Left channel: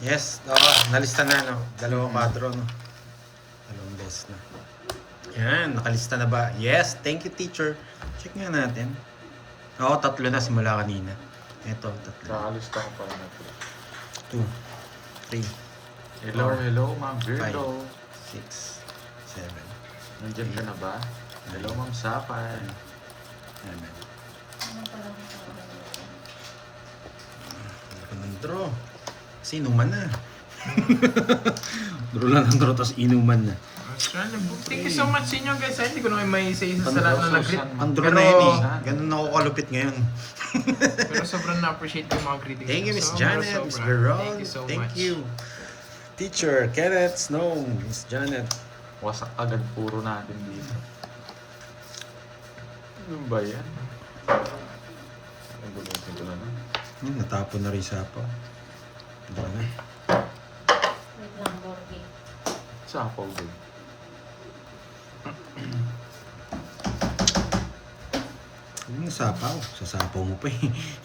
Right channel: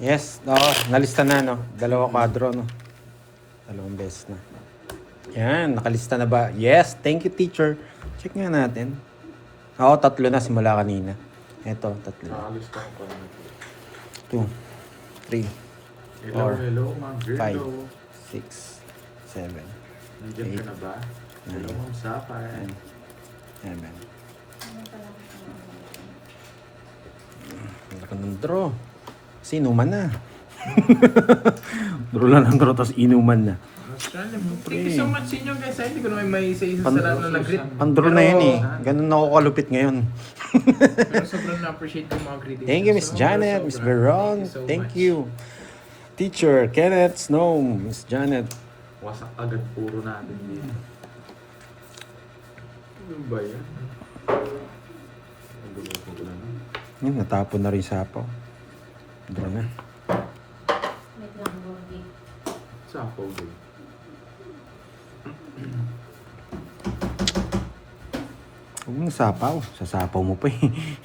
Yes, nalista na, no? Dalawang kadro, no? Dalawang beses na. Yan, nakalista na ba? Yes, thank you, teacher. Check nga natin. Oo, 3 na simula kanina. Ito, 3. Kakalista ko pa rin ito. 2, 3, Hello, 4, hello, Ma'am 5, Virgo. 6, 7, Nandiyan ka na ba? Hello, Ma'am Sapphire. 9. Laki ng draw. Kasi inuman na. Draw lang ng draw, tapos inuman na. Thank you so much sa inyo guys. Hindi ko na may isa-isa sa lahat na nag-greet. Ang draw na yun eh. Ganun ako kalupit ngayon. Pero sobrang na-appreciate yung mga greetings. Thank you, Miss Janet, Miss Veron. Thank you. Teacher Kenneth Snow, Miss Janet. Wasak agad puro natin dito. Ano ba yan? Nagulitin ko na lang. Natapon na rin sapa. Draw niya. Sapaw din. Huwag mo sapaw. Sasapaw mo pa eh.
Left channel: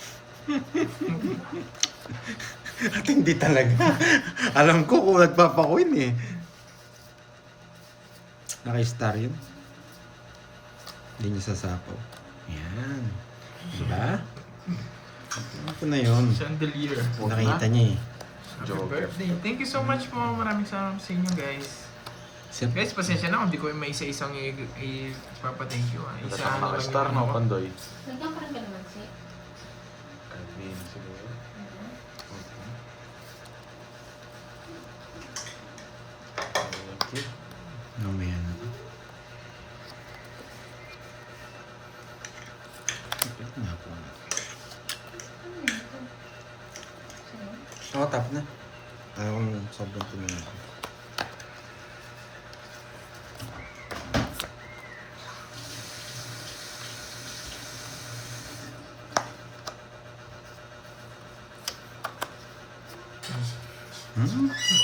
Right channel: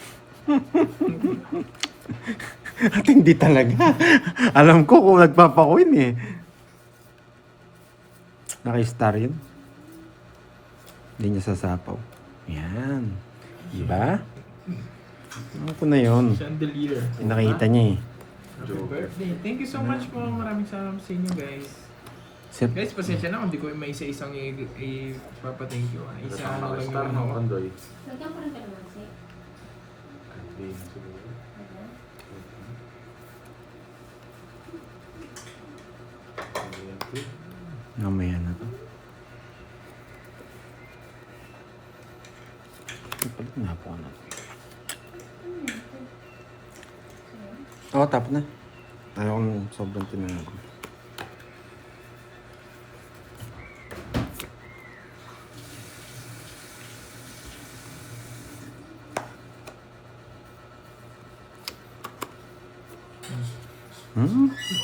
At hindi talaga. Alam ko kung nagpapakuin eh. Naka-star yun. Hindi niya sasapaw. Yan. Diba? Ano ko na yun? Chandelier. Nakita niya eh. Happy birthday. Thank you so much po. Maraming salamat sa inyo guys. Guys, pasensya na kung hindi ko may isa-isang ipapa-thank you. Isa ano lang Nakaka-star yung no, Pandoy. Nagkang parang ganun siya. Hindi na siguro. Thank you. Mamaya na. Palit nga po na. Oo, tap na. Ayaw kong sobrang tumingin.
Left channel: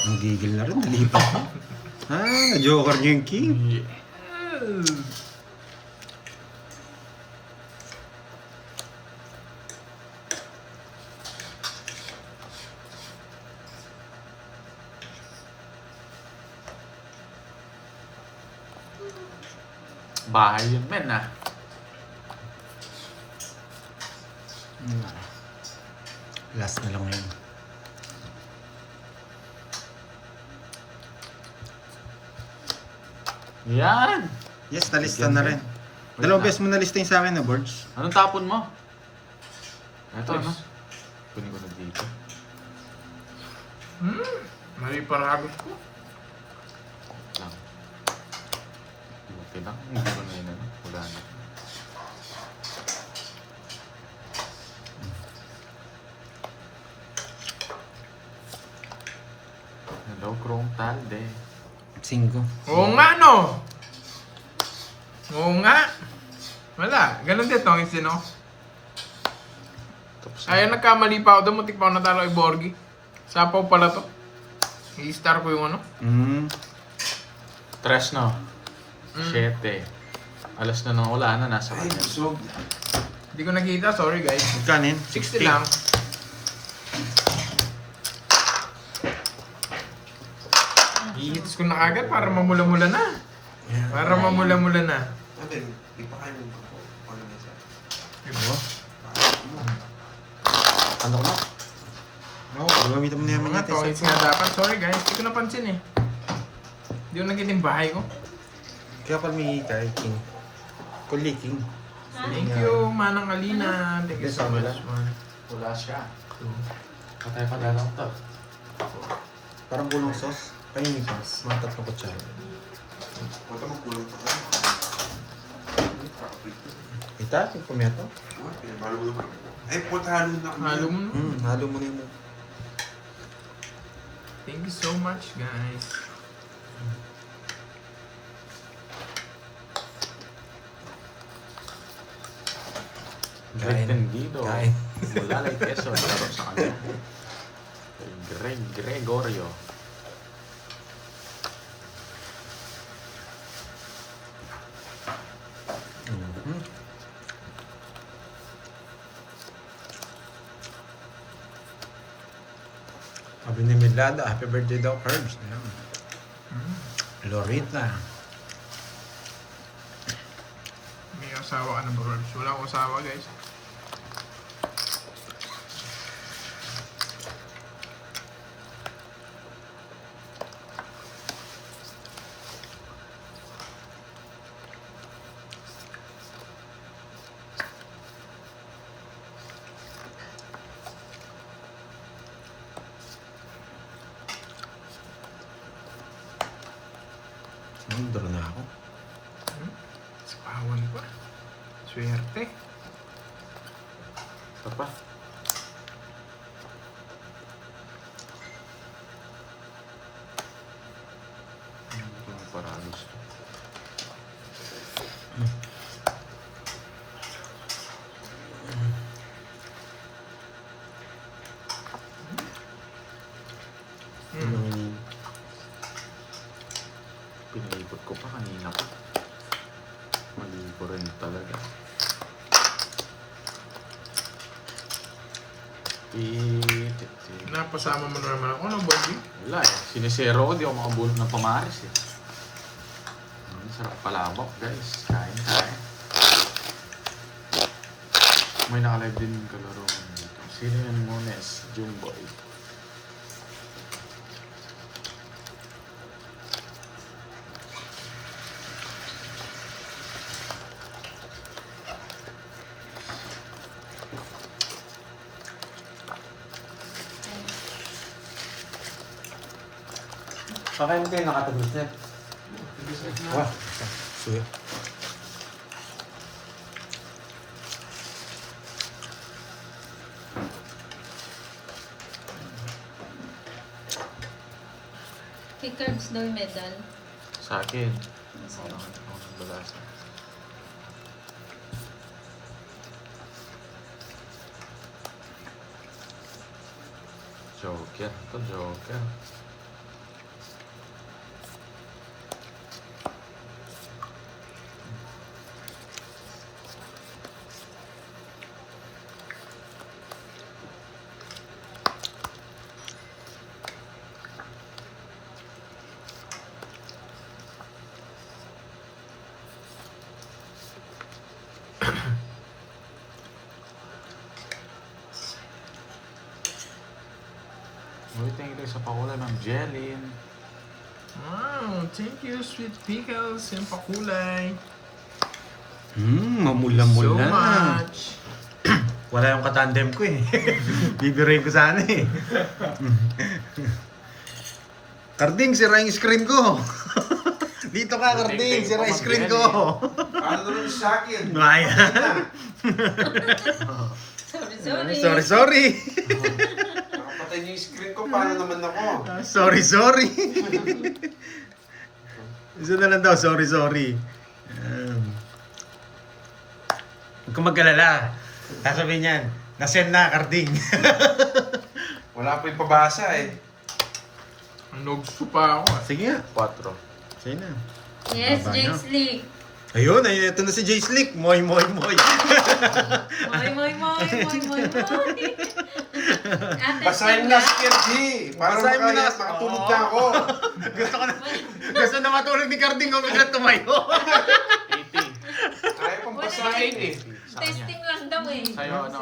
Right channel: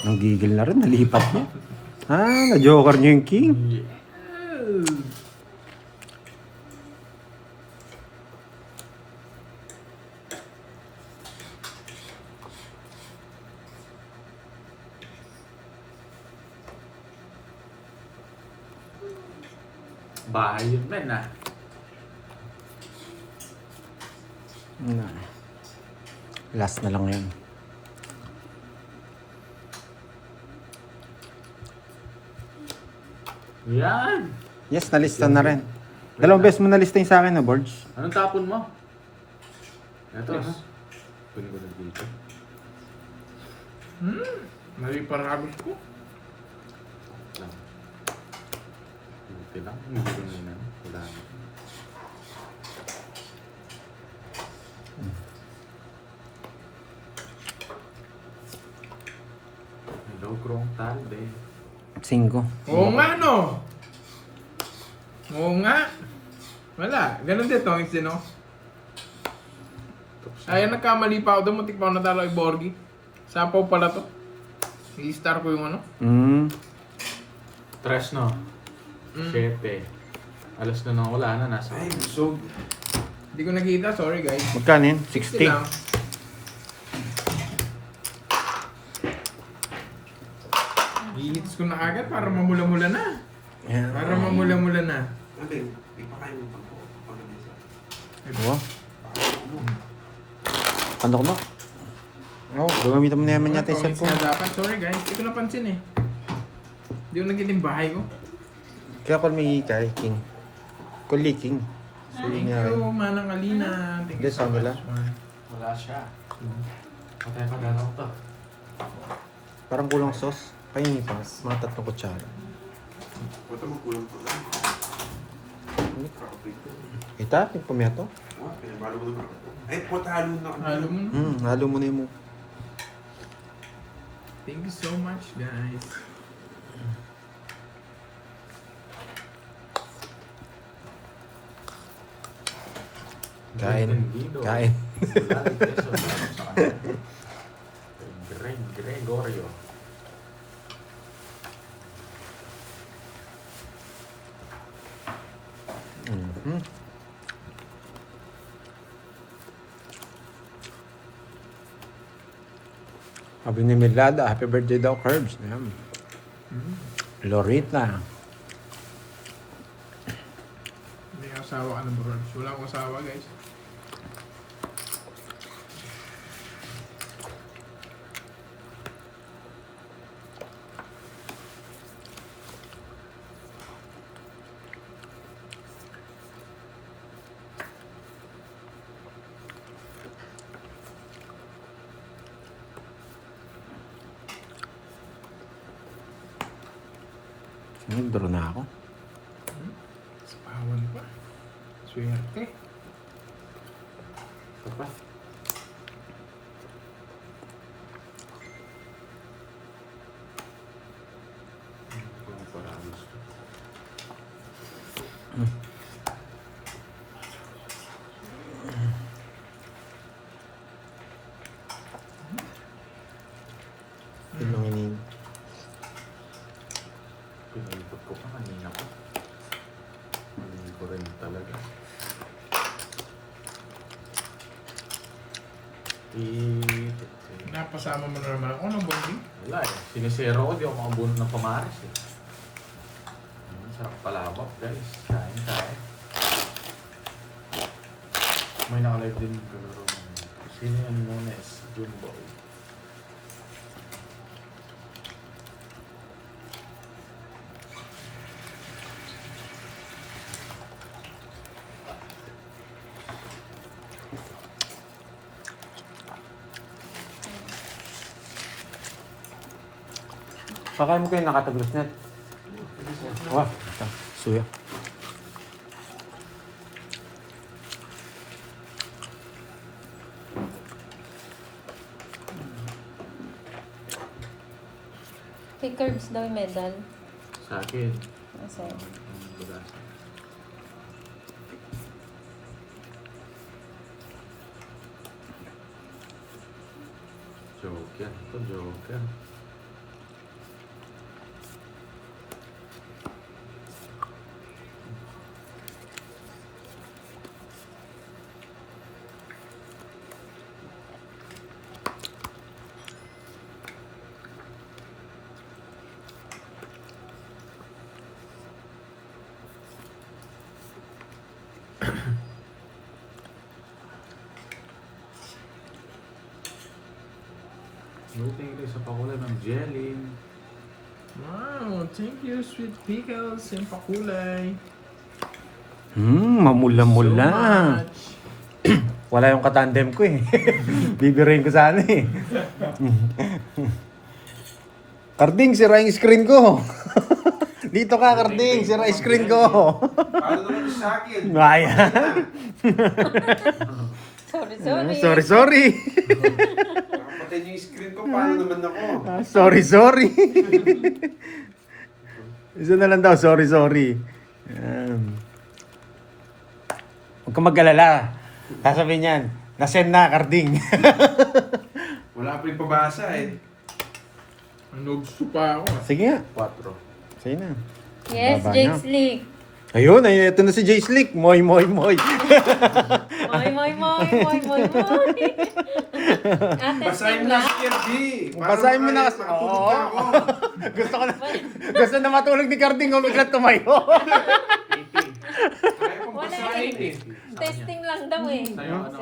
Nagigil na rin. Nalipat na. Na-joker niyo yung king. Bahay yun, men ah. Last na lang yun. Yan! Yes, nalista na rin. Dalawang beses mo nalista yung sa akin na boards. Anong tapon mo? Ito, ano? Yes. Pinig ko na dito. May parami ko. Pinang, hindi ko na yun. Wala na. Hello, Krong Talde. 5. Oo nga no! Oo nga! Wala. Ganun din to, hindi no? Ay, nagkamali pa ako doon. Muntik pa ako natalo kay Borgi. Sapaw pala to. I-star ko yung ano. Tres, no? 7. Alas na nang wala na, nasa kanya. Hindi ko nakita. Sorry guys. Magkano yun? 60 lang. 60. I-hits ko na agad para mamula-mula na. Para mamula-mula na. Oo. Ano ko na? Oo, gagamitan mo na yaman natin. Mga tongits nga dapat. Sorry guys. Hindi ko napansin eh. Hindi ko nakita yung bahay ko. Kaya ako may king. Kuliking. Thank you, Manang Alina. Thank you so much, man. Wala siya. Patay pa dalang to. Parang kulang sauce. Ay, yung pass. Mga 3 kutsara. Punta mo kulang po lang. Ay, tatin pumiyato. Pinabalo mo naman. Ay, punta halo na kami. Halo mo na. Halo mo na yun. Thank you so much, guys. Kain. Entendido. Kain. Wala na yung peso. Wala sa kanya. Gregorio. Sabi ni Milada, happy birthday daw, Curbs. Yan. Lorita. May asawa ka na ba, Curbs? Wala akong asawa, guys. Nag-draw na ako. Awan pa. Swerte. Ito pa. Parang pinipot ko pa kanina ko. Maligo rin talaga. Napasama mo na naman ako ng bonding. Wala eh. Sinisero ko, di ako makabunod ng pamaris eh. Sarap palabok guys. Kain. May nakalive din yung kalaro namin dito. Sino yan Mones? Jumboy. Pakaya mo kayo nakatagos na. Wah, suya. Kay Curbs daw yung medal. Sa akin. Ang sa'yo. Ang nagbalasa. Joker. Ito Joker. Thank you sa pakulay ng Jelin. Wow, thank you, Sweet Pickles. Yung pakulay. Mamula-mula. So much. Wala yung katandem ko eh. Bibirayin ko sana eh. Karding, sira yung screen ko. Dito ka, Karding, sira yung screen ko. Ano naman yung sa akin? Ayan. Sorry. Nakapatay niyo yung screen ko, paano naman ako? Sorry. Isa na lang daw, sorry. Yan. Huwag kang mag-alala. Sasabihin niyan, nasend na, Karding. Wala pa yung pabasa eh. Nogso pa ako. Sige nga. 4. Sige na. Yes, Baba Jake na. Slick. Ayun, ito na si Jay Slick. Moy. Moy. Ate Basahin na si Kirby. Basahin mo na. Makatulog na ako. Gusto na matulog ni Karding kung biglang tumayo. 80. Ayaw pang basahin eh. Testing lang daw eh. Sa'yo ano?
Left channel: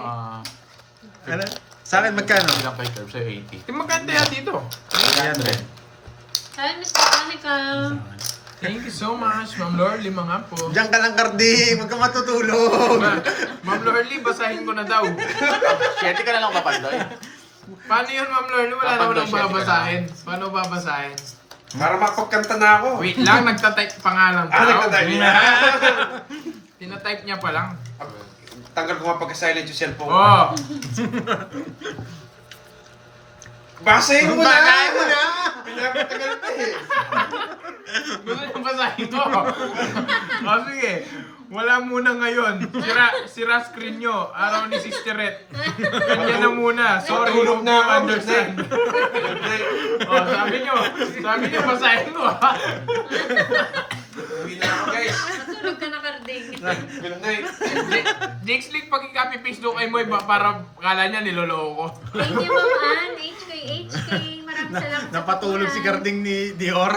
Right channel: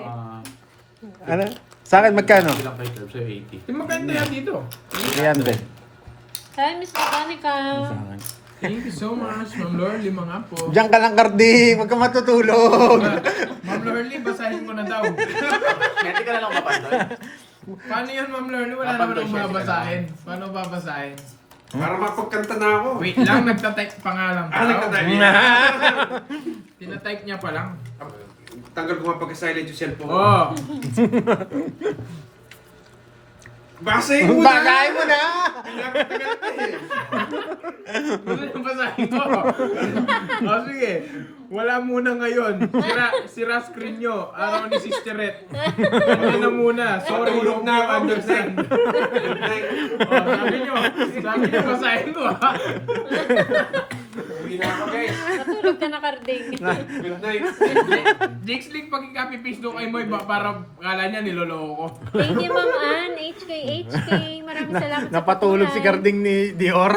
Ano? Sa akin magkano? Bilang kay Curb, sa'yo 80. Yung maganda yan dito. Ayan din. Saan, Miss Botanica? Thank you so much, Ma'am Lorly, mga po. Diyan ka lang, Karding. Huwag ka matutulog. Ma'am Lorly, basahin ko na daw. 7 ka na lang kapandoy. Paano yun, Ma'am Lorly? Wala naman ang babasahin. Paano babasahin? Para makapagkanta na ako. Wait lang, nagtatype pa nga lang. Nagtatype niya? Tinatype niya pa lang. Tanggal ko nga pagka-silent yung cellphone. Oo. Basahin mo na! Bagayin mo na! Pinapatagal na eh. Gusto niyo basahin ko? O sige, wala muna ngayon. Sira screen nyo. Araw ni Sister Red. Kanya na muna. Sorry, Matulog na ako. understand. Good night. O, sabi nyo, basahin mo ha. Uwi na ako guys. Matulog ka na, Carding. Good night. Next week, pag ikapi-face doon kay Moy, para kala niya niloloko ko. Thank you, Ma'am Ann. HK. Maraming salamat sa Napatulog si pakulan. Carding ni Dior.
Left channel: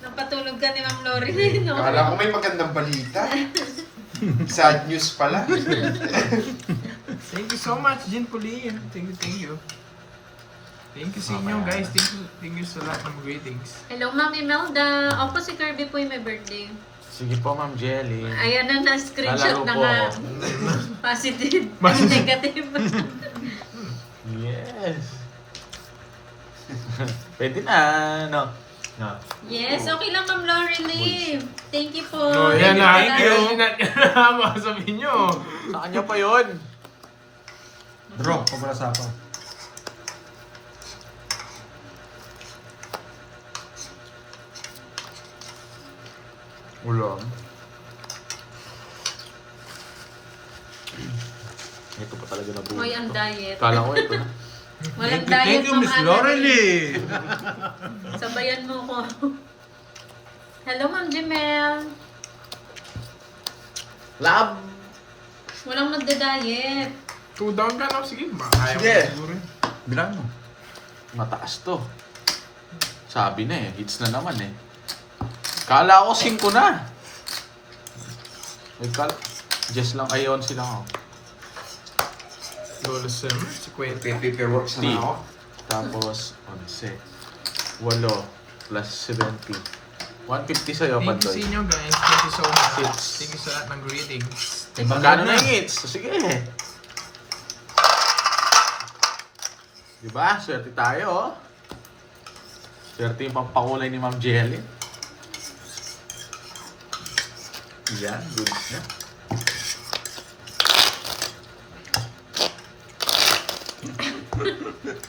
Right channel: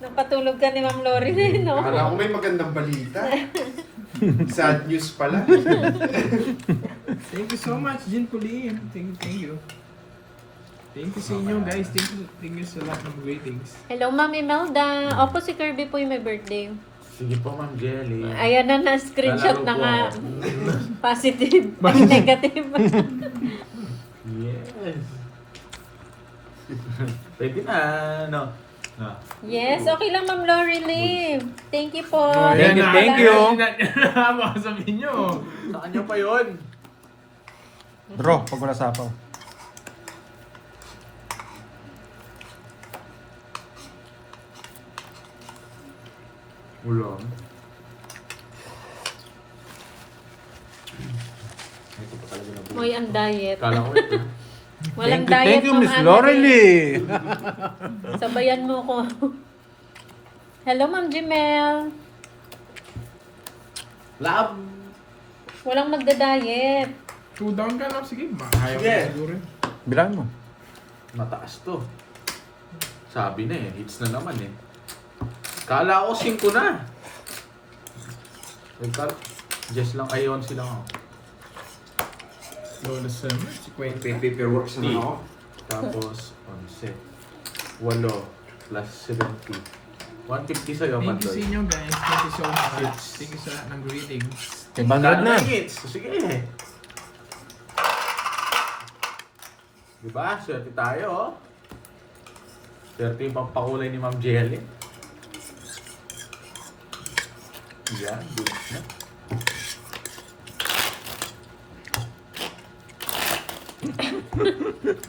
Napatulog ka ni Ma'am Lori, no? Akala ko may magandang balita. Sad news pala. Thank you so much, Jin Pulim. Thank you. Thank you sa inyo, guys. Thank you sa lahat ng greetings. Hello, Ma'am Imelda. Opo, si Kirby po yung may birthday. Sige po, Ma'am Jelly. Ayan na, screenshot na Lalaro nga. po. Positive. Ang negative. Yes. Pwede na, no? No. Yes, okay lang, Ma'am Lori Lim. Thank you po. Oh, yan na. Thank you. Mga sabihin nyo. Sa kanya pa yun. Bro, pagmula sa ako. Ulang. Ito pa talaga na buhay. Moy, ang diet. Kala ko ito. Walang Thank diet, you, Ma'am Miss Ann. Lorelie. Sabayan mo ko. Hello, Ma'am Jimel. Lab! Walang magda-diet. 2 down ka na. Sige, ayaw Sige. ko siguro. Bilang mo. Mataas to. Sabi na eh, hits na naman eh. Kala ko 5 na. Just lang ay 11 lang ako. Lolo Sam, si Kwente. Paperworks na ako. Tapos 11. 8 plus 70. 150 sa'yo, Thank you sa Pantoy. inyo, guys. Thank you so much. Yes. Thank you sa lahat ng greetings. Ibang Magkano na na eh. hits? So, sige. Diba? Swerte tayo, oh. Swerte yung pampakulay ni Ma'am Jelly. Yan, goods na.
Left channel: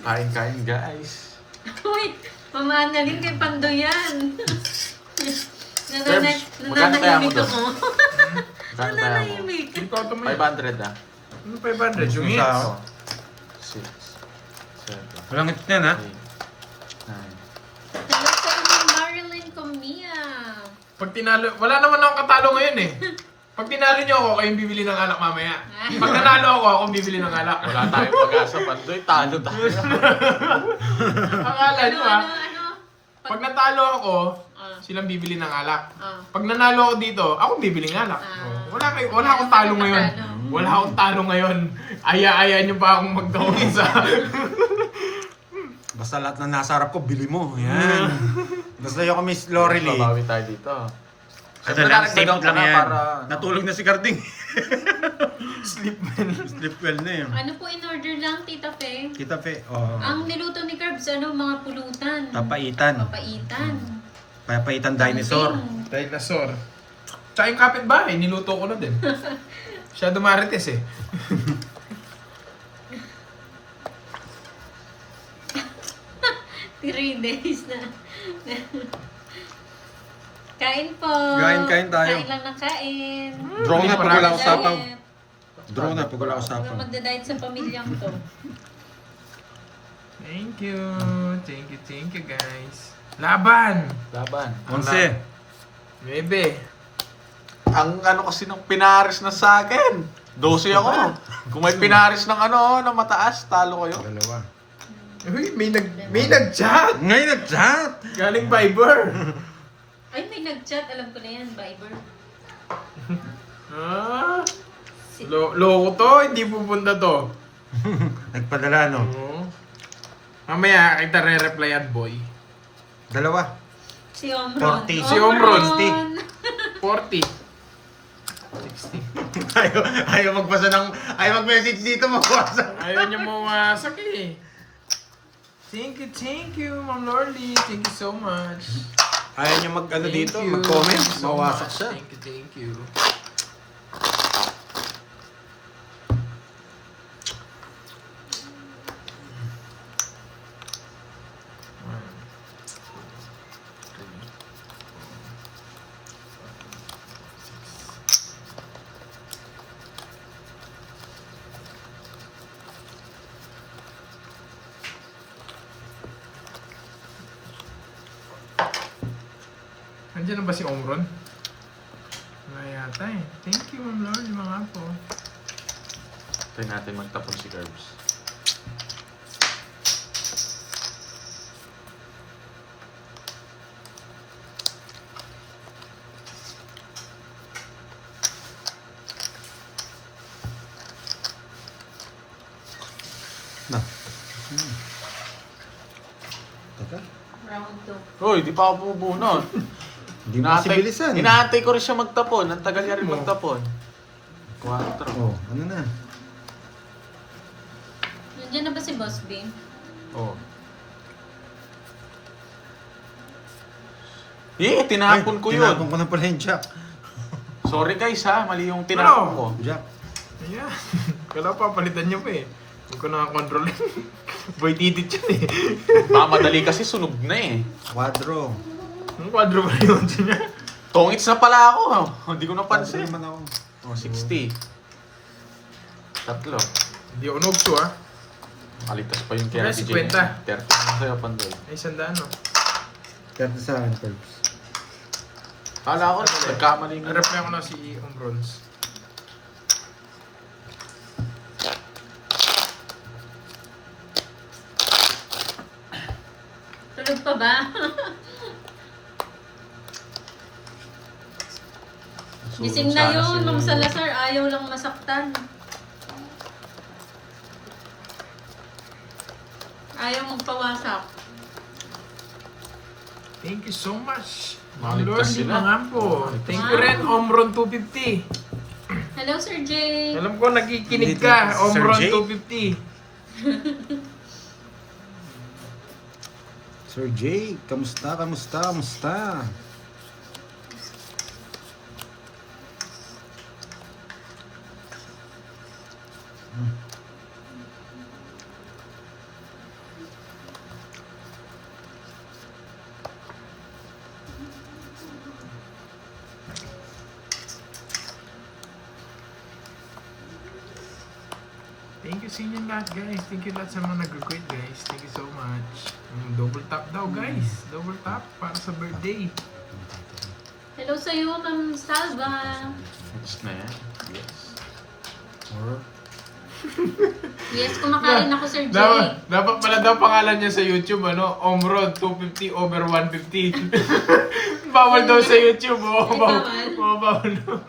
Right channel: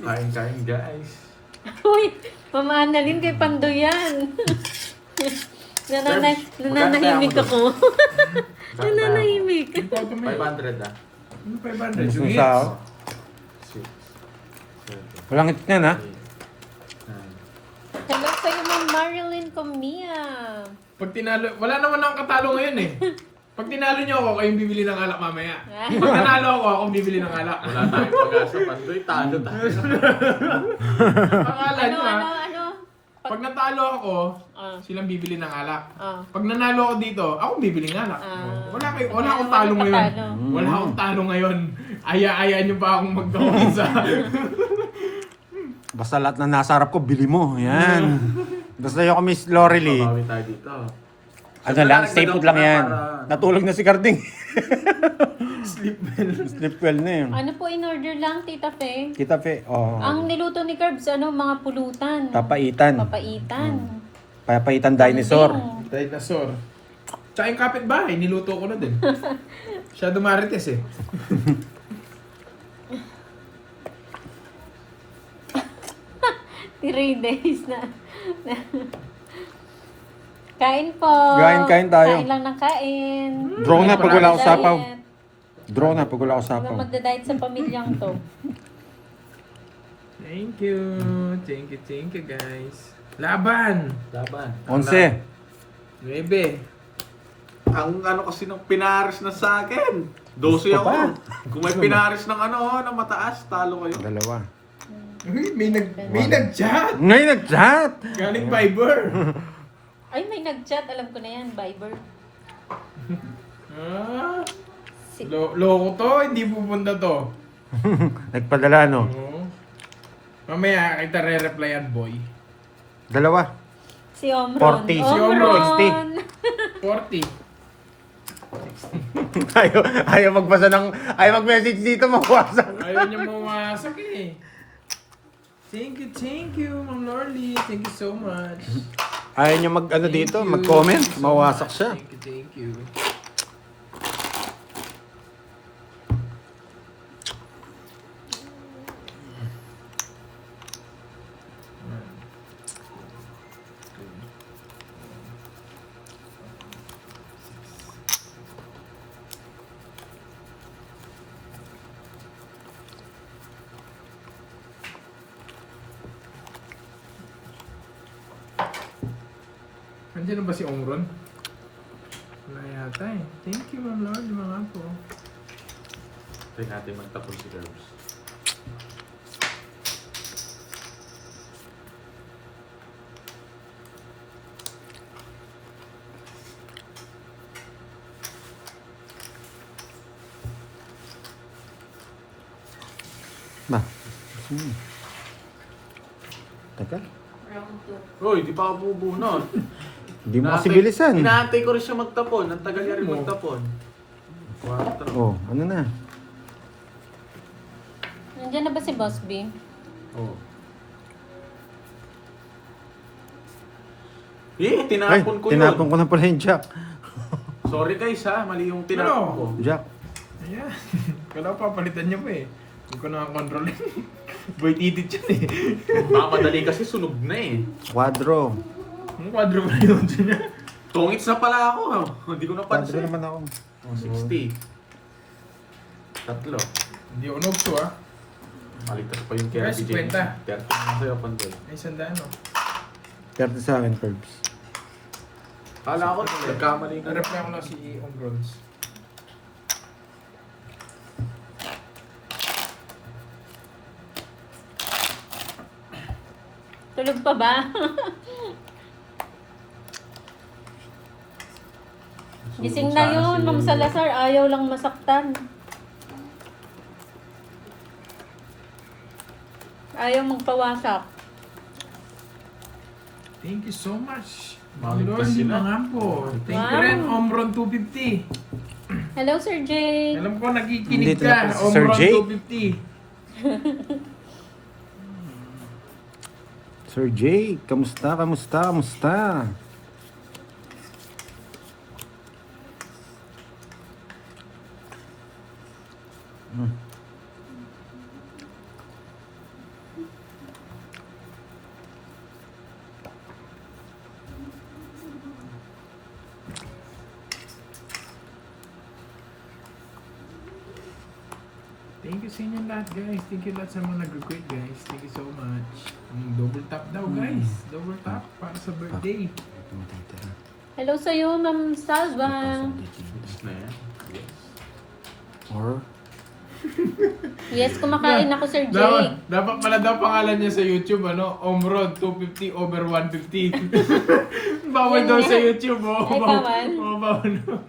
Kain-kain, guys. Uy, Mama Annalyn kay Pandoyan. Nananahimik Magkano ako. Nananahimik. Yung toto mo. 500 ah. Yung 500. Yung Gusto hits. sa ako. 6, 7, Walang hits na na. 8, 9. Hello sa naman Marilyn Comia. Pag tinalo, wala naman akong katalo ngayon eh. Pag tinalo niyo ako, kayong bibili ng alak mamaya. Pag nanalo ako, akong bibili ng alak. Wala tayong pag-asa. Pantoy, talo tayo. Akala niyo ah. Ano? Pag natalo ako, Ah. silang bibili ng alak. Ah. Pag nanalo ako dito, ako bibili ng alak. Ah. Wala akong talo ngayon. Talo. Wala akong talo ngayon. Aya-aya niyo pa akong magdungisa. Basta lahat na nasa harap ko, bili mo. Yan. Basta yung Miss Lorelie. Babawi tayo dito. Ano lang, safe Nagdagdag lang ka na yan. para- Natulog na si Carding. Sleep man. Sleep well na yun. Ano po in order lang, Tita Fe? Kita pe. Oh. Ang niluto ni Curbs, mga pulutan. Papaitan. Papaitan. Papaitan dinosaur. Something. Dinosaur. Tsaka yung kapitbahay, niluto ko na din. Siya dumarites eh. 3 days na. Kain po. Kain tayo. Kain lang ng kain. Draw na pag wala Diet. akong sapaw. Draw na pag wala akong Wala sapaw. magda-diet sa pamilyang to. Thank you. Thank you guys. Laban! Laban. 11. 9. Ang ano kasi nung pinaris na sa akin. 12 ako. Kung may pinaris ng ano, ng mataas, talo kayo. Dalawa. Uy, may nag-chat! Ngayon nag-chat! Galing Viber! Ay, may nag-chat. Alam ko na yan, Viber. Ah, loko to, hindi pupunta to. Nagpadala no? Oo. Mamaya, kita re-replyan, boy. Dalawa. Si Omron. 40. Si Omron. 40. ayaw magpasa ng... Ayaw mag-message dito, mawasak. Ayaw niya mawasak eh. Thank you, Ma'am Lorly. Thank you so much. Ayaw niya mag-ano Thank dito, you. mag-comment. Thank you so Mawasak much. siya. Thank you. Nandiyan na ba si Omron? Wala yata eh. Thank you, Ma'am Lord, mga po. Try natin magtapon si Curbs. Ba? Teka. Round 2. Hoy, di pa ako bubunot. Hindi mo kasi bilisan. Inaantay ko rin siya magtapon. Ang tagal niya rin Mo. magtapon. 4. Oh, ano na? Nandiyan na ba si Boss B? Oh. Tinapon ko yun. Tinapon ko na pala yung jack. Sorry guys ha, mali yung tinapon ko. Jack. Ayan. Wala pa, palitan niya pa eh. Huwag ko nakakontrol eh. Boy titit siya eh. Mamadali kasi sunog na eh. Quadro. Ang kwadro pa yun siya. Tongits na pala ako. Hindi ko Quadro napansin. naman ako. Oh, 60. Tatlo. Hindi ako nogso ah. Maligtas pa yung Kaya 30. 50. 30 sa'yo, Pandol. Ay, sandaan no. 30 sa akin, Curbs. Kala ko, nagkamali nga. Narap lang ko na si Omrons. Tulog pa ba? Gising na yun, Ma'am Salazar. Ayaw lang masaktan. Ayaw magpawasak. Thank you so much. Maligtas Lord, di sila. mga po. Thank you Wow. rin, Omron 250. Hello, Sir Jay. Alam ko nakikinig Hindi ka, tinapos si Sir Omron Jay. 250. Sir Jay, kamusta, kamusta, kamusta? Thank you sa inyo lahat guys. Thank you lahat sa mga nag-request guys. Thank you so much. Double tap daw guys. Double tap para sa birthday. Hello sa'yo, Ma'am Salva. Yes na yan. Yes. Or, Yes, kumakain ako, Sir Jay. Dapat pala daw pangalan niya sa YouTube, ano? Omron 250 over 150. Bawal daw sa YouTube, oh. Ay, bawal? Oo, bawal daw.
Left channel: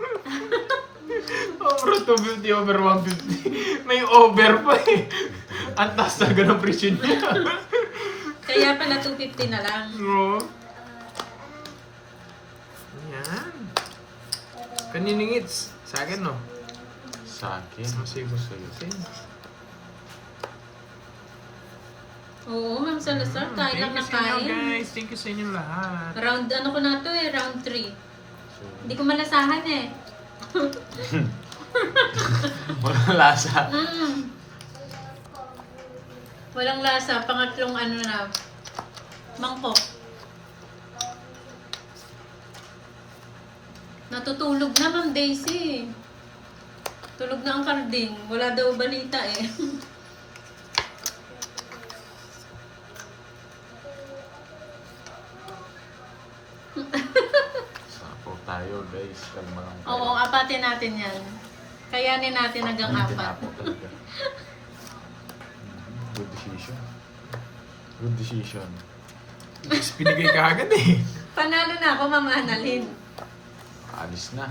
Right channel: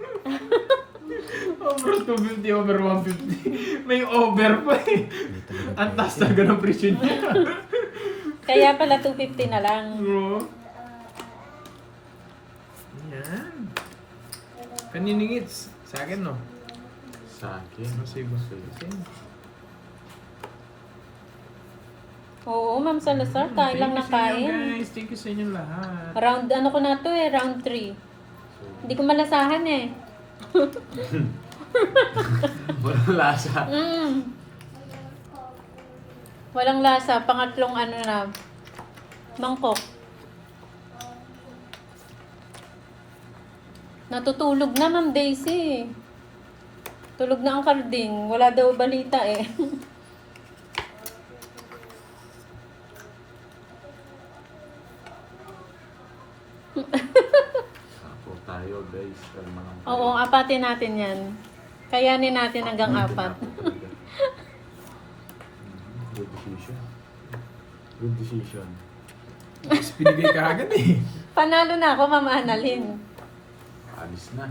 Omron 250 over 150. May over pa eh. Ang taas na ganang presyo niya. Kaya pala 250 na lang. Oo. Yan. Kaninong it's? Sa akin, no? Sa akin. Save. Oo, Ma'am Salazar. Kain lang na Thank you sa inyo, kain. guys. Thank you sa inyong lahat. Round, ano ko na to eh, round 3. Hindi ko malasahan eh. Walang lasa. Walang lasa. Pangatlong ano na. Mangkok. Natutulog na, Ma'am Daisy. Tulog na ang karding. Wala daw balita eh. Sapo tayo guys. Kalma lang. Oo, apatin natin yan. Kayanin natin hanggang 4. Good decision. Good decision. Mas pinigay ka agad eh. Panalo na ako, Ma'am Annalyn. Alis na.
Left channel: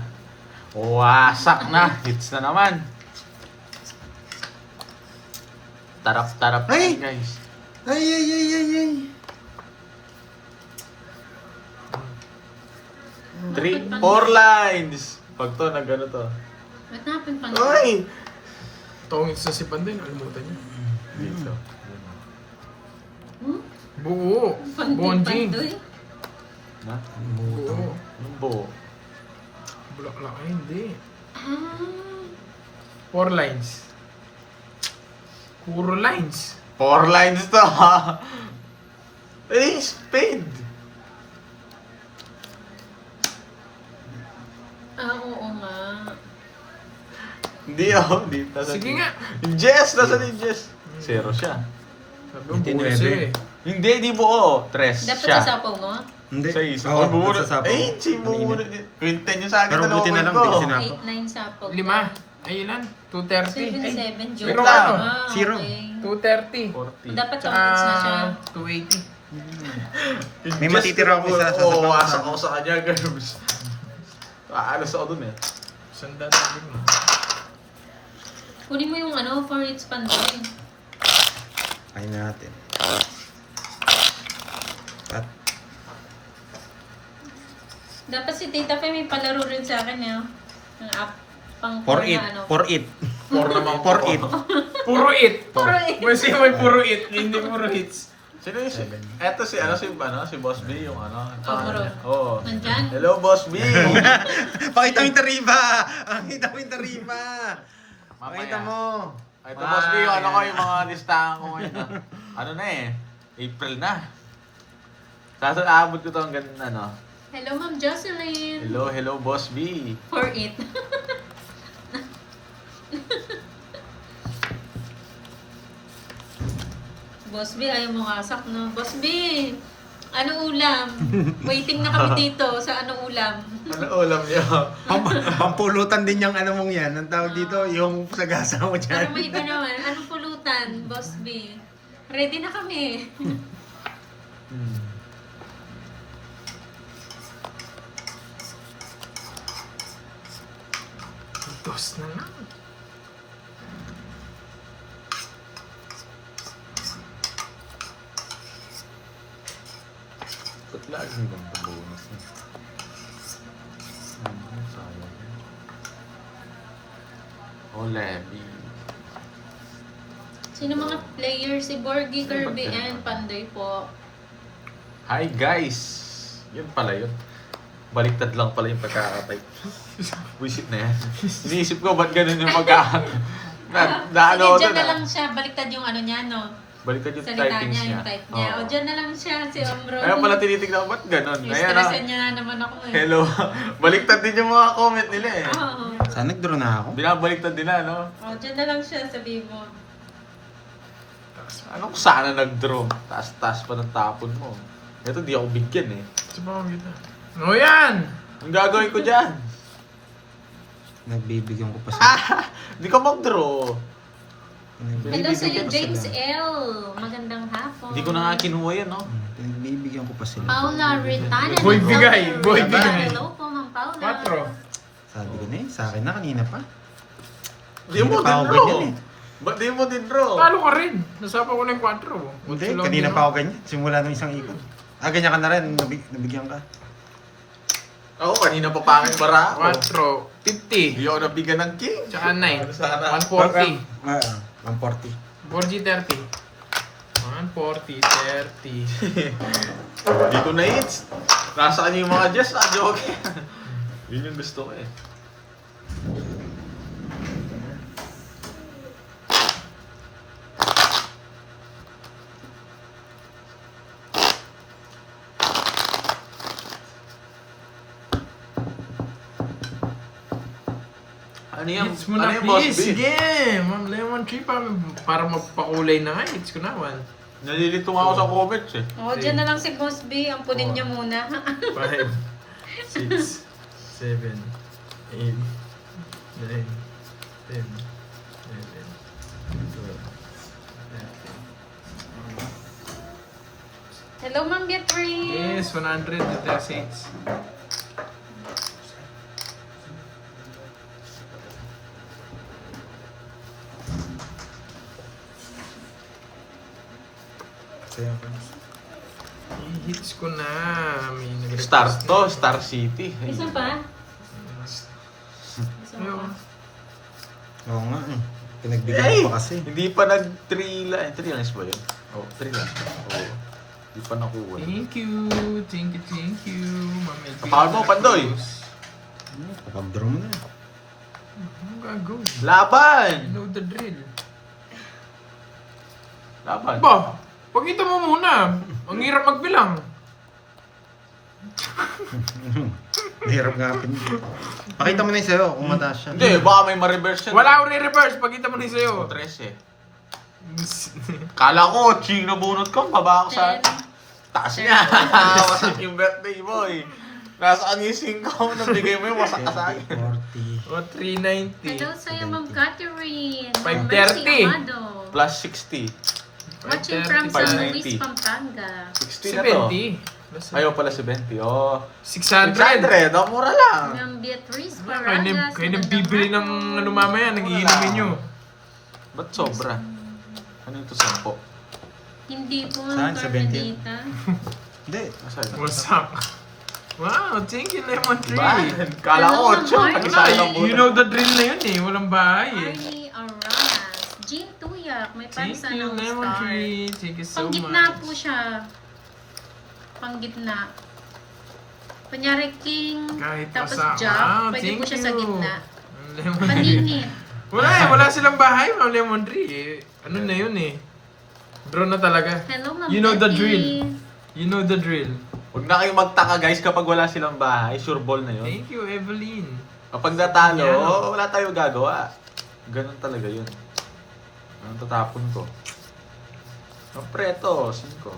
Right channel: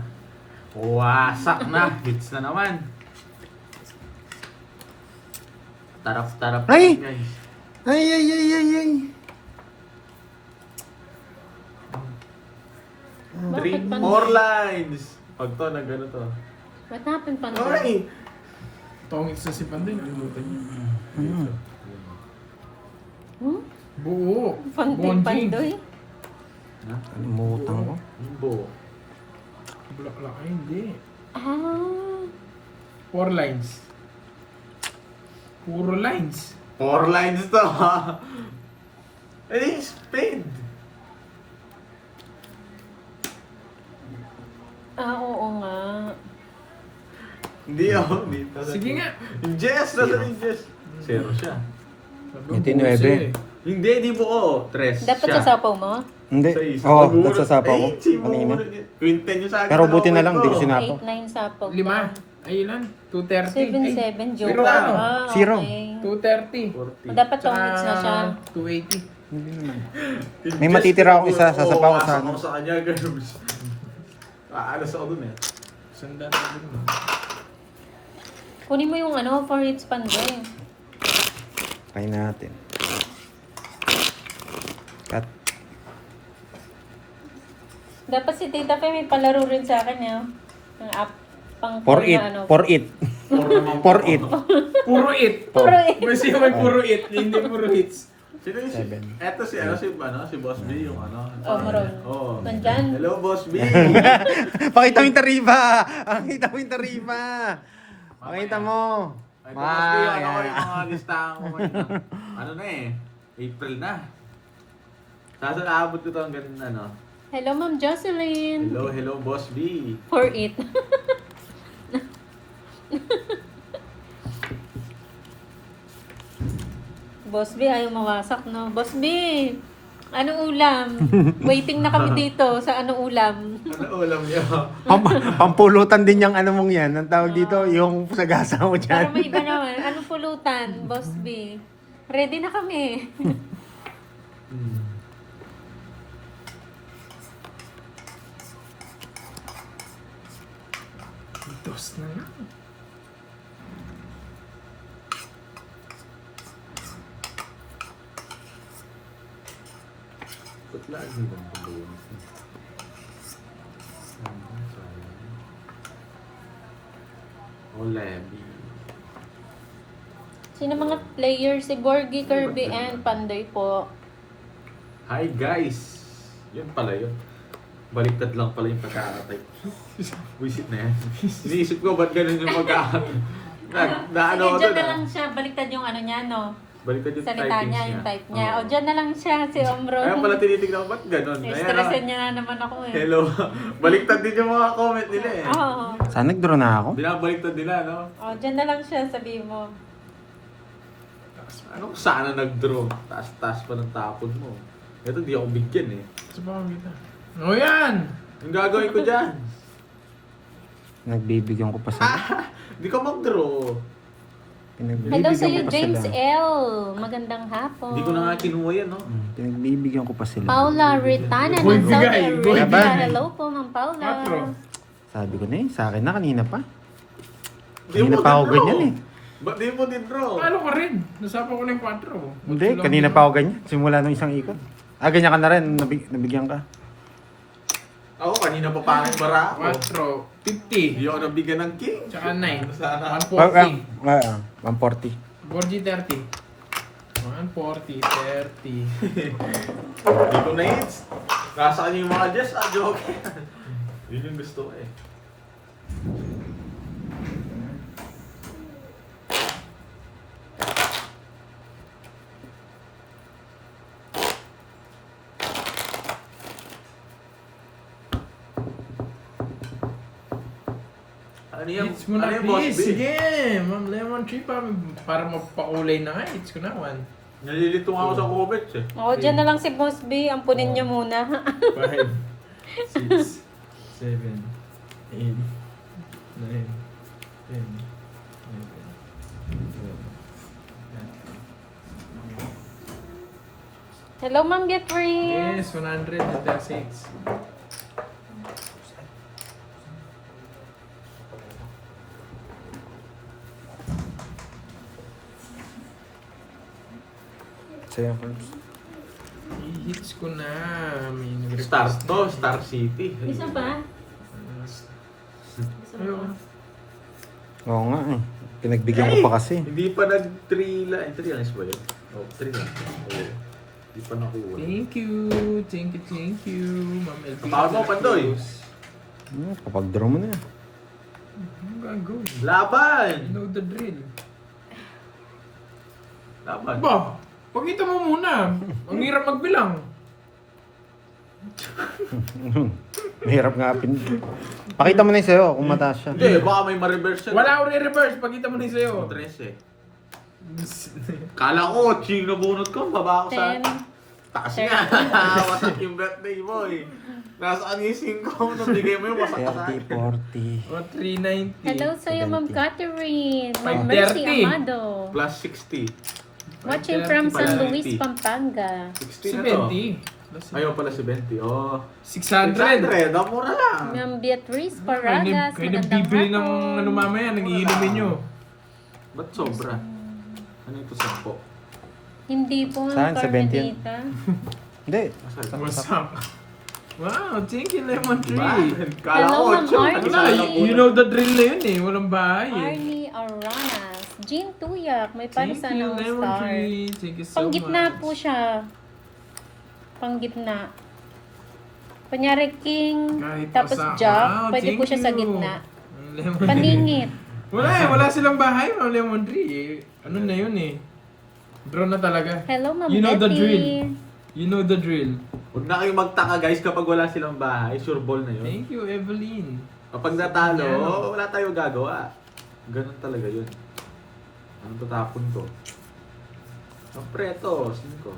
Wasak na. Hits na naman. Tarap-tarap Ay! guys. ay, ay, ay, ay, ay. Bakit pa- 4 lines. Pag to, nag-ano to. What happened, Pandoy? Ay! Tongit sa si Panday, nakalimutan niya. Hmm? Buo. Pandoy, Bonjing. Pandoy? Na? Moto. Buo. Yung buo. Bulaklak. Ay, hindi. Ah. 4 lines. Puro lines. 4 lines to ha. Eh, spade. Ah, oo nga. Hindi oh. Hindi. Nasa Sige nga. Yung Jess. Nasa yung Jess. 0 siya. Nagbuo Itinede. siya eh. Hindi, di buo. 3 Dapat siya. sasapaw mo? Hindi. Sa isa. Oo, Bunot. nagsasapa ko. Eh, si Kanina. bunot eh. Quinten yung sa akin. Pero buti na lang, ko. di ko sinapaw. 8-9 sapog. 5. Ay, ilan? 230. 7-7, joke. Zero. Ah, Zero. okay. 230. 40. O, dapat tongkits na siya. 280. May matitira ako isa sa sapaw. Oo, asa ko sa kanya. Ganun. Aalas ako dun eh. Sanda na din mo. Kunin mo yung ano, for its pandoy. Kaya natin. Cut. Dapat si Tita Fe may palaro rin sa akin ya. Ang app pang For it. na ano. For it. For it. Puro it. Puro it. Mas yung puro it, hindi puro hits. Sino yung si... Eto si ano si Boss B yung ano. Oh, Maron. Oo. Nandyan. Hello Boss B. Pakita mo yung tarifa! Pakita mo yung tarifa! Pakita mo! Ito Boss B yung ano ko yung mga listahan ko ngayon. Ano na eh. April na. Kaso naabot ko to hanggang ano. Hello, Ma'am Jocelyn. Hello Boss B. For it. Boss B, ayaw mawasak, no? Boss B, anong ulam? Waiting na kami dito sa anong ulam. Ano ulam niya? Pampulutan din yung ano mong yan. Ang tawag dito, yung sagasa mo Para dyan. may iba naman. Anong pulutan, Boss B? Ready na kami. Dos na lang. Ba't lagi mo bang pabunas na? Oh, Levy. Sino mga players? Si Borgie, Kirby, and Pandoy po. Hi guys! Yun pala yun. Baliktad lang pala yung pagkakatay. Buisit na yan. Iniisip ko, ba't ganun yung pagkakatay? Sige, Ano dyan na lang siya. Baliktad yung ano niya, no? Baliktad yung Salita typings niya, niya. yung type niya. Oo. O, dyan na lang siya, si Omro. Kaya pala tinitignan ko, ba't ganun? Stressan niya na naman ako eh. Hello. Baliktad din yung mga comment nila eh. Oo. Saan nag-draw na ako? Binabaliktad nila, no? O, dyan na lang siya, sabihin mo. Ano kung sana nag-draw? Taas-taas pa ng tapon mo. Ito, di ako bigyan eh. Sa mga kita. O yan! Ang gagawin ko dyan? Nagbibigyan ko pa sila. Di ka mag-draw. Hello sa iyo, Pinagbibigyan ko pa James sila. L. Magandang hapon. Hindi ko na nga kinuha yan, no? Pinagbibigyan ko pa sila. Paula Ritana Boy ng South bigay, boy Arabia. bigay. Hello po, Ma'am Paula. 4. Sabi ko na eh, sa akin na kanina pa. Di Kanina mo pa ako din draw. ganyan eh. Ba't di mo din draw? Paano ka rin? Nasapa ko na yung 4. Hindi, kanina pa ako ganyan. Simula nung isang ikot. Ganyan ka na rin, nabigyan ka. Ako, kanina pa pangit para ako. 4. 50. Hindi ako nabigyan ng king. Tsaka 9. Sana. 140. 140. Borgie 30. 140, 30. Hindi ko na hits. Nasa kanya yung mga Jess, joke. Yun yung gusto ko eh. Ano yan? Hits mo na Ano yung boss please. B? Sige. Ma'am Lemon Tree para mapakulay na nga. Hits ko na 1. Nalilito nga ako sa comments eh. O, dyan na lang si Boss B. Ampunin niyo muna. 5, 6, 7, 8, 9, 10, 11, 12. Hello, Ma'am Getri. Yes, 100 to 36. Sa'yo, Cubs. I-hits ko na. May nag-request Star na. to, Star City. Isa pa? Ayun. Oo nga. Pinagbigyan ko pa kasi. Hindi pa nag-3 lang. 3 lines ba yun? Oh, 3 lang. Oo. Hindi pa nakuha. Thank you. Thank you. Ma'am Elvira. Kapal mo, Pandoy. Kapag draw mo na. Ano gago? Laban! You know the drill. Laban. Ba, pakita mo muna. Ang hirap magbilang. Mahirap nga Pakita mo na yung sa'yo kung mataas siya. Hindi, baka may ma-reverse yun. Wala akong re-reverse. Pakita mo din sa'yo. 3 eh. Kala ko, ching na bunot ko. Baba ako sa... 10, Taas niya. Wasak yung birthday mo eh. Nasaan yung 5 na bigay mo yung wasak ka sa 30, akin. 40. O, 390. Hello sa'yo, Ma'am 70. Catherine. Ma'am 530. Mercy Amado. Plus 60. Watching from 530. San 590. Luis, Pampanga. 60 na to. 70. Ayaw pala 70. Oh. 600. 600. Oh, mura lang. Ma'am Beatrice Kayo Paragas. na bibili ng ano mamaya, nagiinumin nyo. Ba't sobra? Ano ito 10? Hindi po, Saan? Ma'am 70? Carmelita. Hindi. Asa ito? Wasak. Wow, thank you, Lemon Diba? Tree. Kala ko Hello, 8. Ma'am Nag-isa Ah, lang you know the drill na yun eh. Walang bahay eh. Arnie Aranas. Jean Tuyak. May Thank parsa you, ng Lemon star. Tree. Thank you so Panggitna much. po siya. Panggitna. Kunyari king, Kahit tapos wasak. jack, Wow, pwede thank po siya sa you. gitna. Lemon Paningit. Wala eh, wala silang bahay, Ma'am Lemon Tree eh. Ano na yun eh. Draw na talaga. Hello, Ma'am You know the Betty. drill. You know the drill. Huwag na kayong magtaka guys kapag wala silang bahay. Sure ball na yun. Thank you, Evelyn. Kapag natalo, Yeah. wala tayong gagawa. Ganun talaga yun. Anong tatapon ko? Ang preto, 5.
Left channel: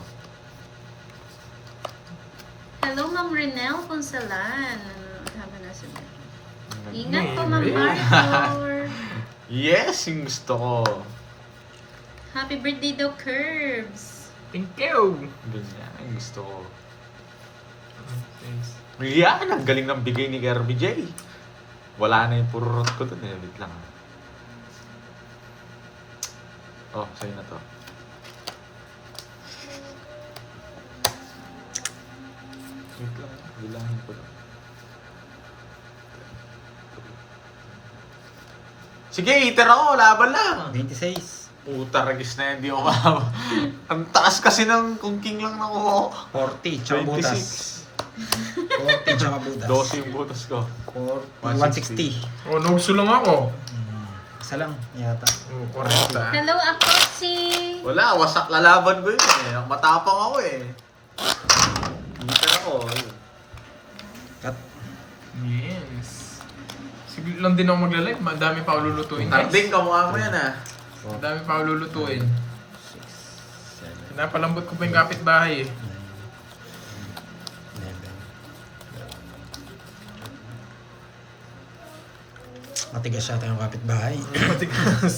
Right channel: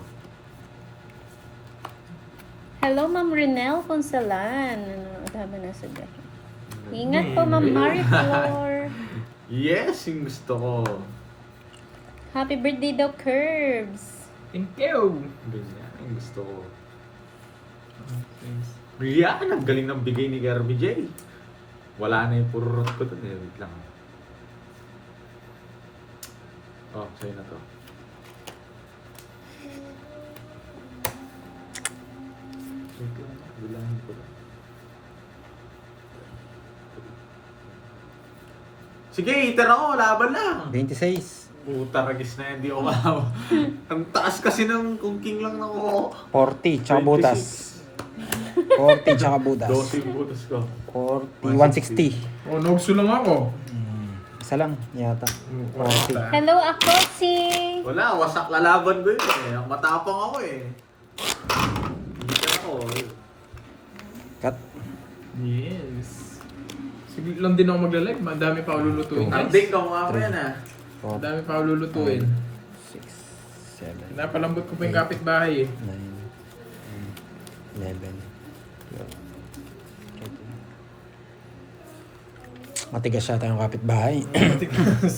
Hello, Ma'am Renel Ponsalan. Haba na si Becky. Ingat po, Ma'am Mariflor. Yes, yung gusto ko. Happy birthday daw, Curbs. Thank you. Ganyan, yung gusto ko. Thanks. Yan, ang galing ng bigay ni Kirby J. Wala na yung pururot ko dun eh. Wait lang. Oh, sa'yo na to. Wait lang, bilangin ko lang. Sige, hitan ako, laban lang. 26. Puta, ragis na yan, di umama. Ang taas kasi ng kung king lang na ako. 40, tsaka butas. 40, tsaka butas. 12 yung butas ko. 40, 160. Oh, nagsulong ako. Isa lang, yata. Oh, parang Hello, ako si... Wala, wasak lalaban ko yun eh. Matapang ako eh. Hitan ako. Cut. Yes. Sige lang din ako magla-live. Madami pa ako lulutuin. Tanding ka mukha mo yan ah. 4, Madami pa ako lulutuin. 6, 7, Napalambot ko pa yung kapitbahay eh. 9, 11, 12. Matigas siya tayong kapitbahay. Matigas.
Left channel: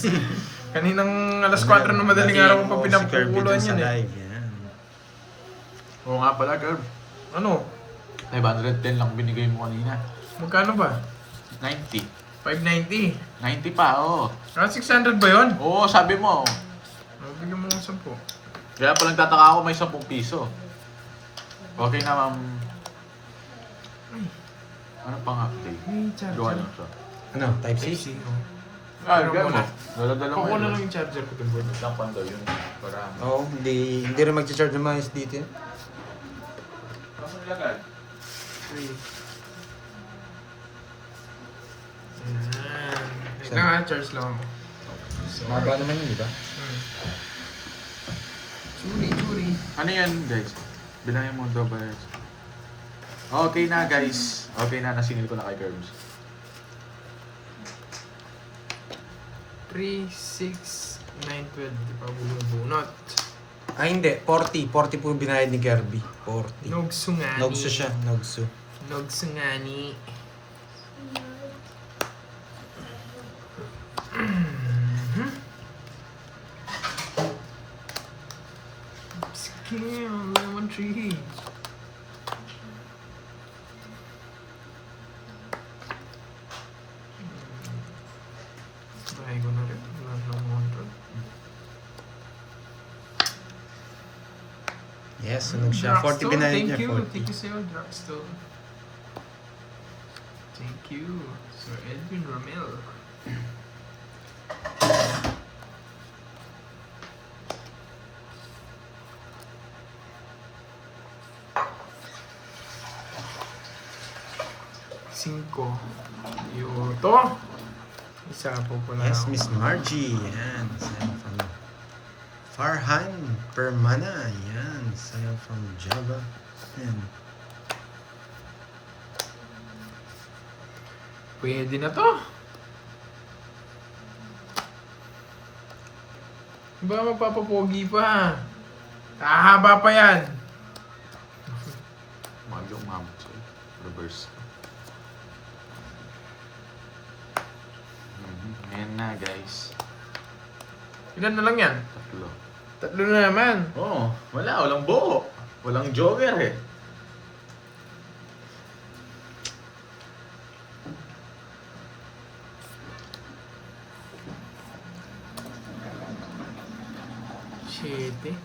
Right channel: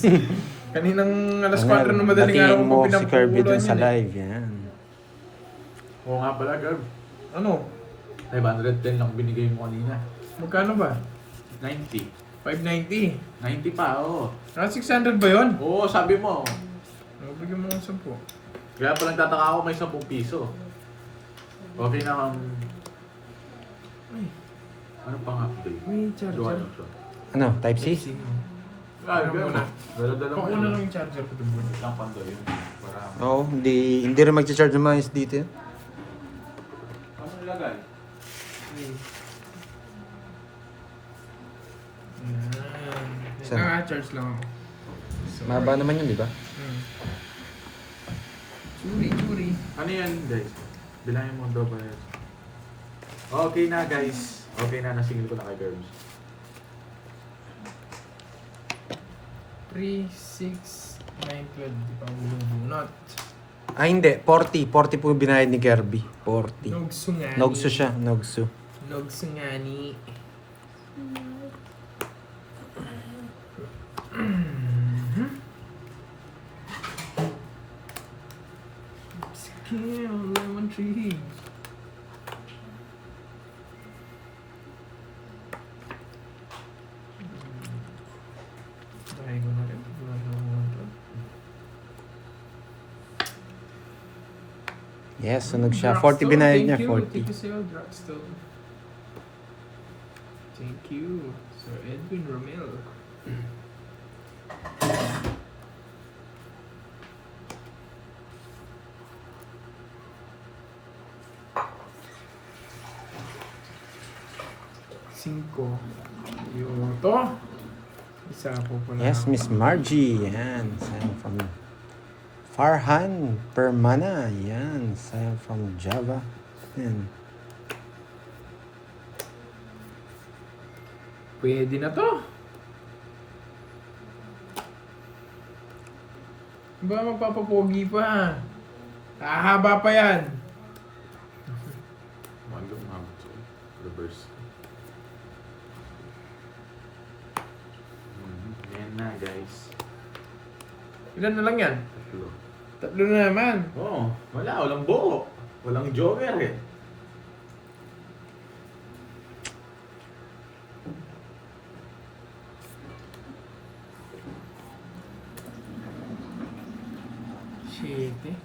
Kaninang alas 4 na madaling araw ko pa Si Kirby pinapupuluan dun sa yan eh. live. Yan. Oo nga pala, girl. Ano? 510 lang binigay mo kanina. Magkano ba? 90. 590. 90 pa, oo. Ah, 600 ba yun? Oo, sabi mo. Bigyan mo ng 10. Kaya pa nagtataka ako may 10 piso. Okay na, ma'am. Ano pang update? May charger. Gawa na siya. Ano, type C? Ah, Ano girl. muna? Dala-dala mo. Ako na lang yung charger ko din, boy. Isang panda yun. Para Oo, hindi rin mag-charge yung mga dito. Ano nilagay? Naka-charge lang ako. Mahaba naman yun, di ba? Churi. Ano yan, guys? Bilangin mo daw ba? Okay na, guys. Okay na, nasingil ko na kay Curbs. 3, 6, 9, 12. Di pa bumubunot. Ah, hindi. 40. 40 po yung binayad ni Kirby. 40. Nogsu nga ni. Nogsu siya. Nogsu. Nogsu nga ni. Scale, lemon tree. Try ko na rin. Wala lang 100. Yes, sunog siya. 40 binayad niya. Thank 40. you, Sir Drugstore. Thank you, Sir Edwin Romero. Cinco. Yoto. Isa po pala. Yes, Miss Margie. Yan. Sign from Farhan Permana. Yan. Sign from Java. Yan. Pwede na to. Ba magpapapogi pa? Hahaba pa yan. Reverse. Ayan na guys. Ilan na lang yan? Tatlo. Tatlo na naman. Oo, walang buo. Walang joker eh. Shit eh.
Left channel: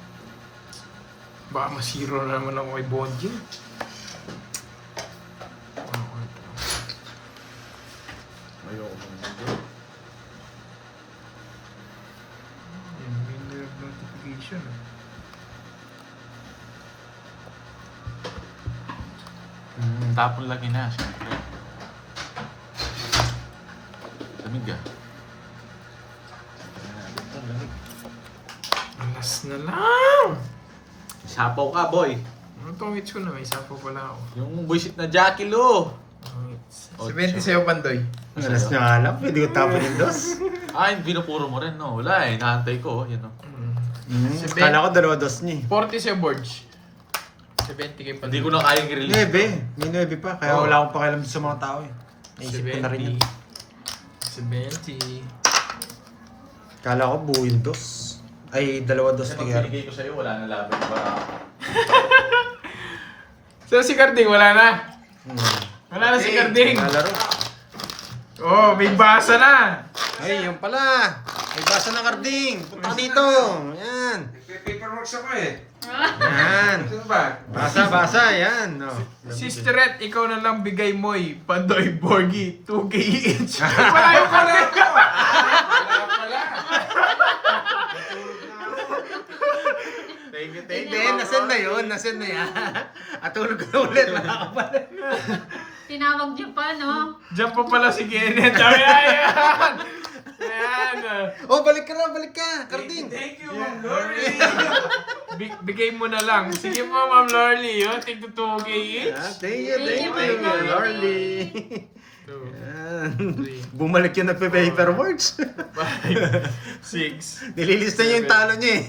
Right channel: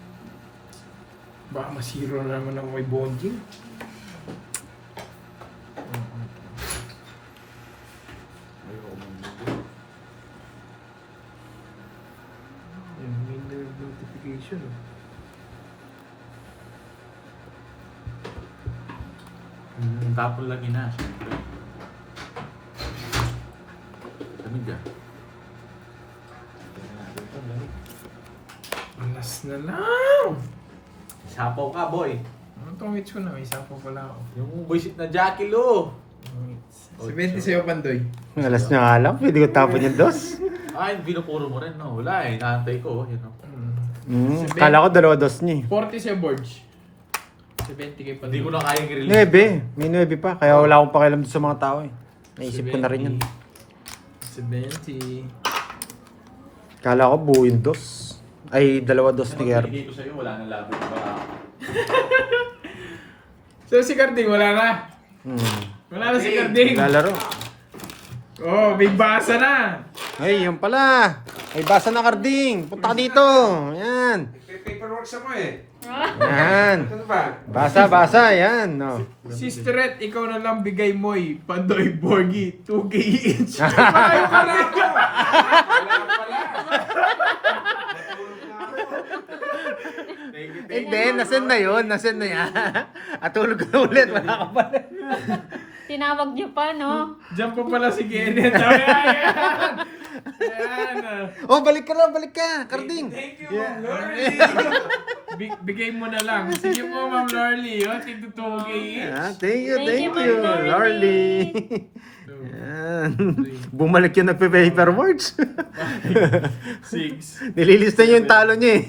Baka masiro na naman ako kay Bonjing. Ayoko muna. May notification. Tapon lagi na. Siyempre. Lamig ah. Alas na lang! Isapaw ka boy. Ano tong hits ko na? May isa pa pala ako. Yung buisit na Jackie Lou. Sa 20 sa'yo, Pandoy. Alas na nga lang, pwede ko tapon yung dos. Ay, binupuro mo rin no. Wala eh, nakantay ko. Yun no. Kala ko dalawa dos niya 40 sa'yo, Borge. 70 kay Pandoy. Hindi ko na kayang i-release. Nebe, may nebe pa. Kaya wala akong pakialam sa mga tao eh. Naisip ko na rin yun. 70. Kala ko buo yung dos. Ay, dalawa dos ni Gary. Hindi ko sa'yo, wala na laban para. So si Carding, wala na. Wala na si Hey, Carding. Lalaro. Oh, may basa na. Hey, yun pala. Ay, basa na Carding. Punta ka dito. Yan. Paperworks ako eh. Yan. Ano ba? Basa. Yan. No. Sister, ikaw na lang bigay mo'y Pandoy Borgie 2K each. Ayaw ka rin. Wala pala. Hindi, nasend na yun. Nasend na yan. At tulog na ulit. Wala ka pa rin. Tinawag niyo pa, no? Diyan pa pala si Kenneth. Ayan. Ayan. Oh, balik ka na. Carding. Thank you, Ma'am Lorly. Bigay mo na lang. Sige mo, Ma'am Lorly. Oh, tig 2K each. Thank you, Thank you, thank you. Ma'am Lorly. Yan. Bumalik yun na paperworks. 6. Nililista niyo yung talo niya eh.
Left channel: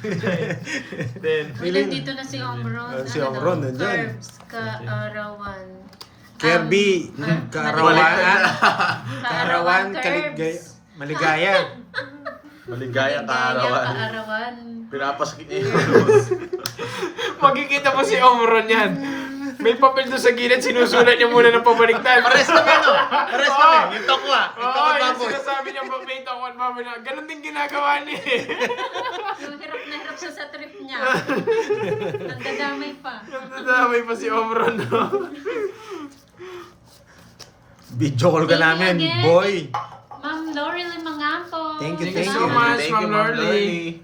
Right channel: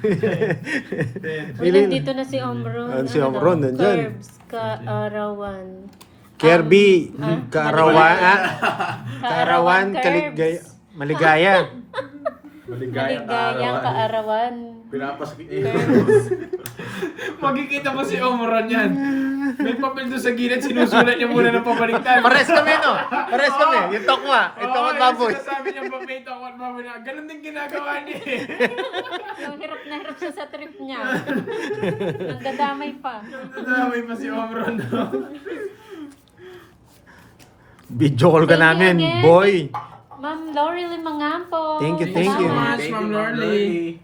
10. Uy, nandito na si Omron. Si Omron, daw? nandyan. Curbs, Kaarawan. Kirby, Kaarawan, Kaarawan, Kaligaya, Curbs. Maligaya. Maligaya Maligaya, Kaarawan. Pinapaskit eh. Magkikita mo si Omron yan. May papel doon sa gilid, sinusulat niya muna ng pabaliktad. Pares kami, no? Pares kami. Yung tokwa. Yung tokwa baboy. Yung sinasabi niya, may tokwa at baboy na. Ganon din ginagawa niya eh. Yung hirap na hirap siya sa trip niya. Nagdadamay pa. Nadamay pa si Omron, no? Video call ka Thank you namin, again. boy. Ma'am Laurel Mangampo. Thank you, Thank you so Salamat. much, Ma'am Lorly.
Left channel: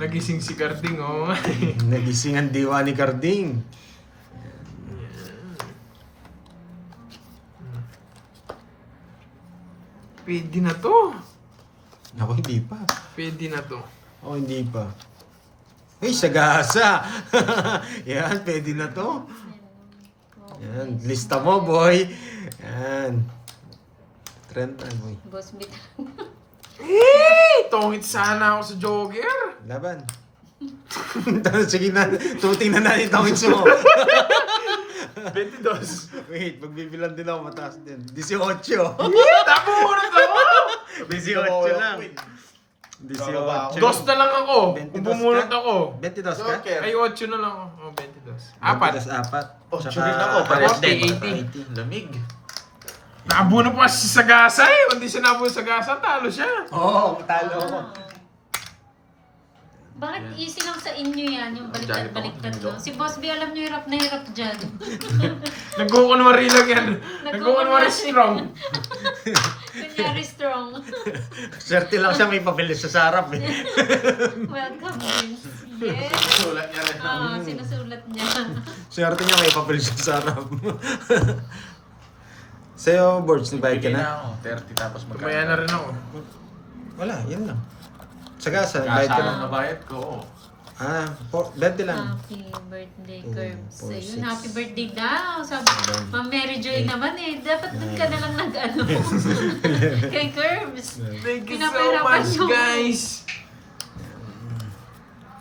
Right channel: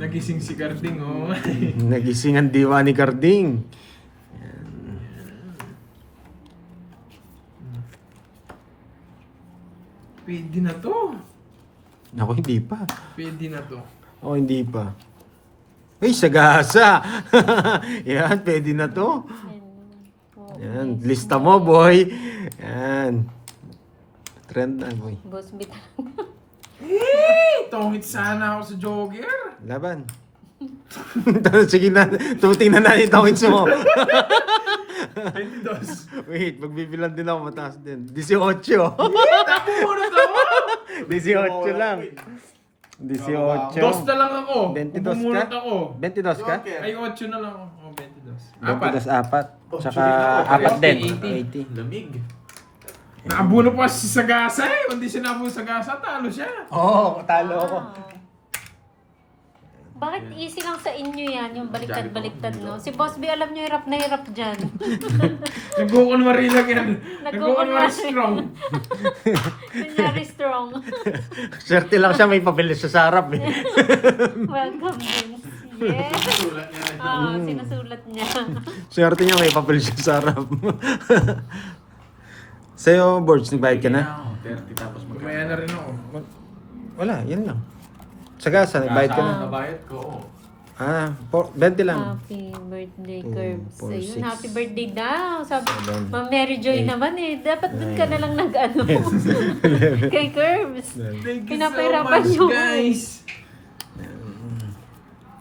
Nagising si Carding, oh. Nagising ang diwa ni Carding. Pwede na to. Ako, hindi pa. Pwede na to. Oh, hindi pa. Ay, sagasa. Yan, pwede na to. Yan, lista mo, boy. Yan. Trend na, boy. Boss Bit. Tongit sana ako sa jogger. Laban. Sige na, tingnan natin itong hits mo. 22. Wait, magbibilang din ako mataas din. 18. Tapo mo na to. 18 lang. 18. Dos na lang ako. 22 Kung bumunot ka? ako. 22 ka? Ay, 8 na lang ako. Oh, 22. Apat. 4. Tsaka Sulit ako, apat parehas din. 80. 80. Lamig. Naabuno pa si Sagasa eh. Kung di siya naabuno sa Sagasa, talo siya. Oo, talo ako. Bakit easy lang sa inyo yan, yung baliktad-baliktad, no? Si Boss B, alam nyo, hirap na hirap dyan. Nagkukunwari lang yan. Nagkukunwari. Nagkukunwari strong. Kunyari strong. Swerte lang siya, may papel siya sa harap eh. Welcome, Vince. Yes. Sulat niya rin. Sinusulat niya. Swerte niya, may papel siya sa harap. Sa'yo, Borge, nagbayad ka na? Ako, 30 tapos magkano. Kaya na rin ako. Wala, yan lang. Sagasa, nagbayad ka na? Kasama nabayad ko. Ah, 20 lang. Happy birthday, Oh, Curbs. 4, Ayun, 6. happy birthday daw. Sabi, Ma'am Mary Joy naman eh. Dapat dun ka na lang nag-ano. Kay Curbs. Thank you so Pinapahirapan much, mo. guys.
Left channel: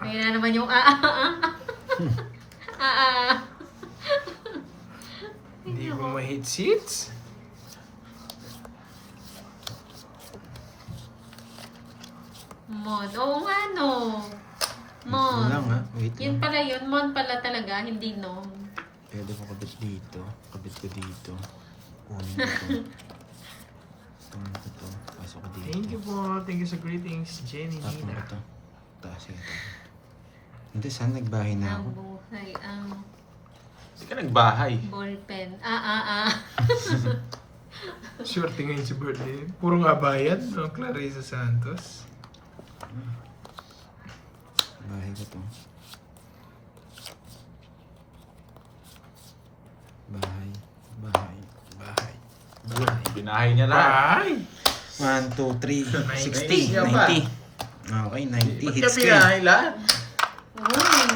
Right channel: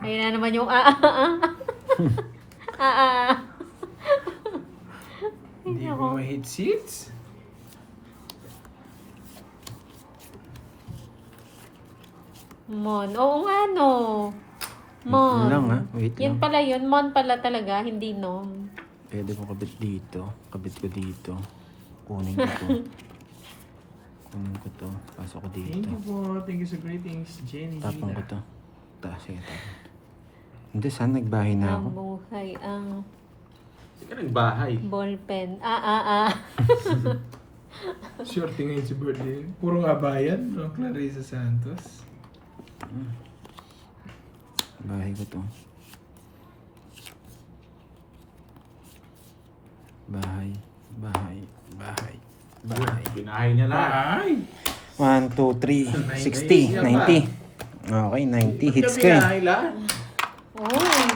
Ayun na naman yung Hindi ko ma-hit seats. Mon. Oo nga, no. Mon. Wait lang, ha? Wait Yun lang. pala yun. Mon pala talaga, hindi nom. Pwede ko kabit dito. Kabit ko dito. Kunin ko to. Kunin ko to. Pasok ko dito. Thank you po. Thank you sa greetings, Jenny. Tapon ko to. Taas siya ito. Hindi, saan nagbahay na ako? Ang buhay, ang Hindi ka nagbahay. ballpen. Swerte ngayon sa birthday. Puro nga bayan, no? Clarissa Santos. Bahay ko to. Bahay. Bahay. Bahay. Bahay. Binahay niya na. Bye! 1, 2, 3, 60, niya pa. 90. Okay, 90 hits ka. Binahay lahat. Oh,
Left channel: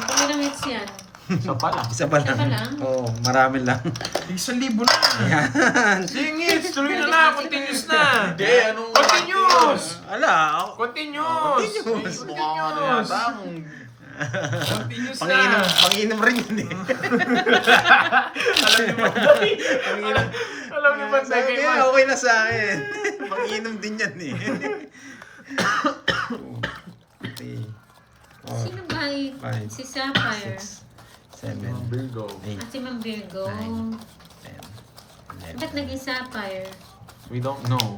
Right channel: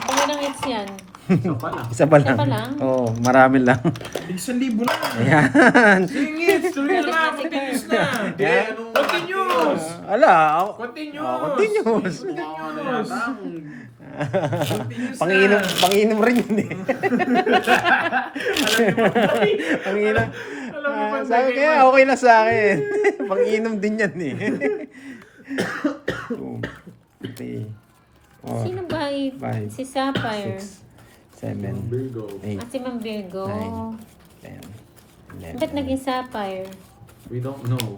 pangilang hits yan. Isa pa lang. Isa pa lang. Isa pa lang? Oo, marami lang. 1,000 na! Ayan. Sige, tuloy na na! Continuous na! Hindi, ano? Continuous! Ala, ako. Continuous! Continuous. Ano yata? Continuous Panginom, na! panginom rin yun eh. Panginom. Alam niyo ba, Sabi niya, okay na sa akin. Panginom din yan eh. 2, 3, 4, Sino ba? Five, Si Sapphire. 7, Virgo. 8, Si Ma'am Virgo. 10, 11. Ba't naging Sapphire? We don't know.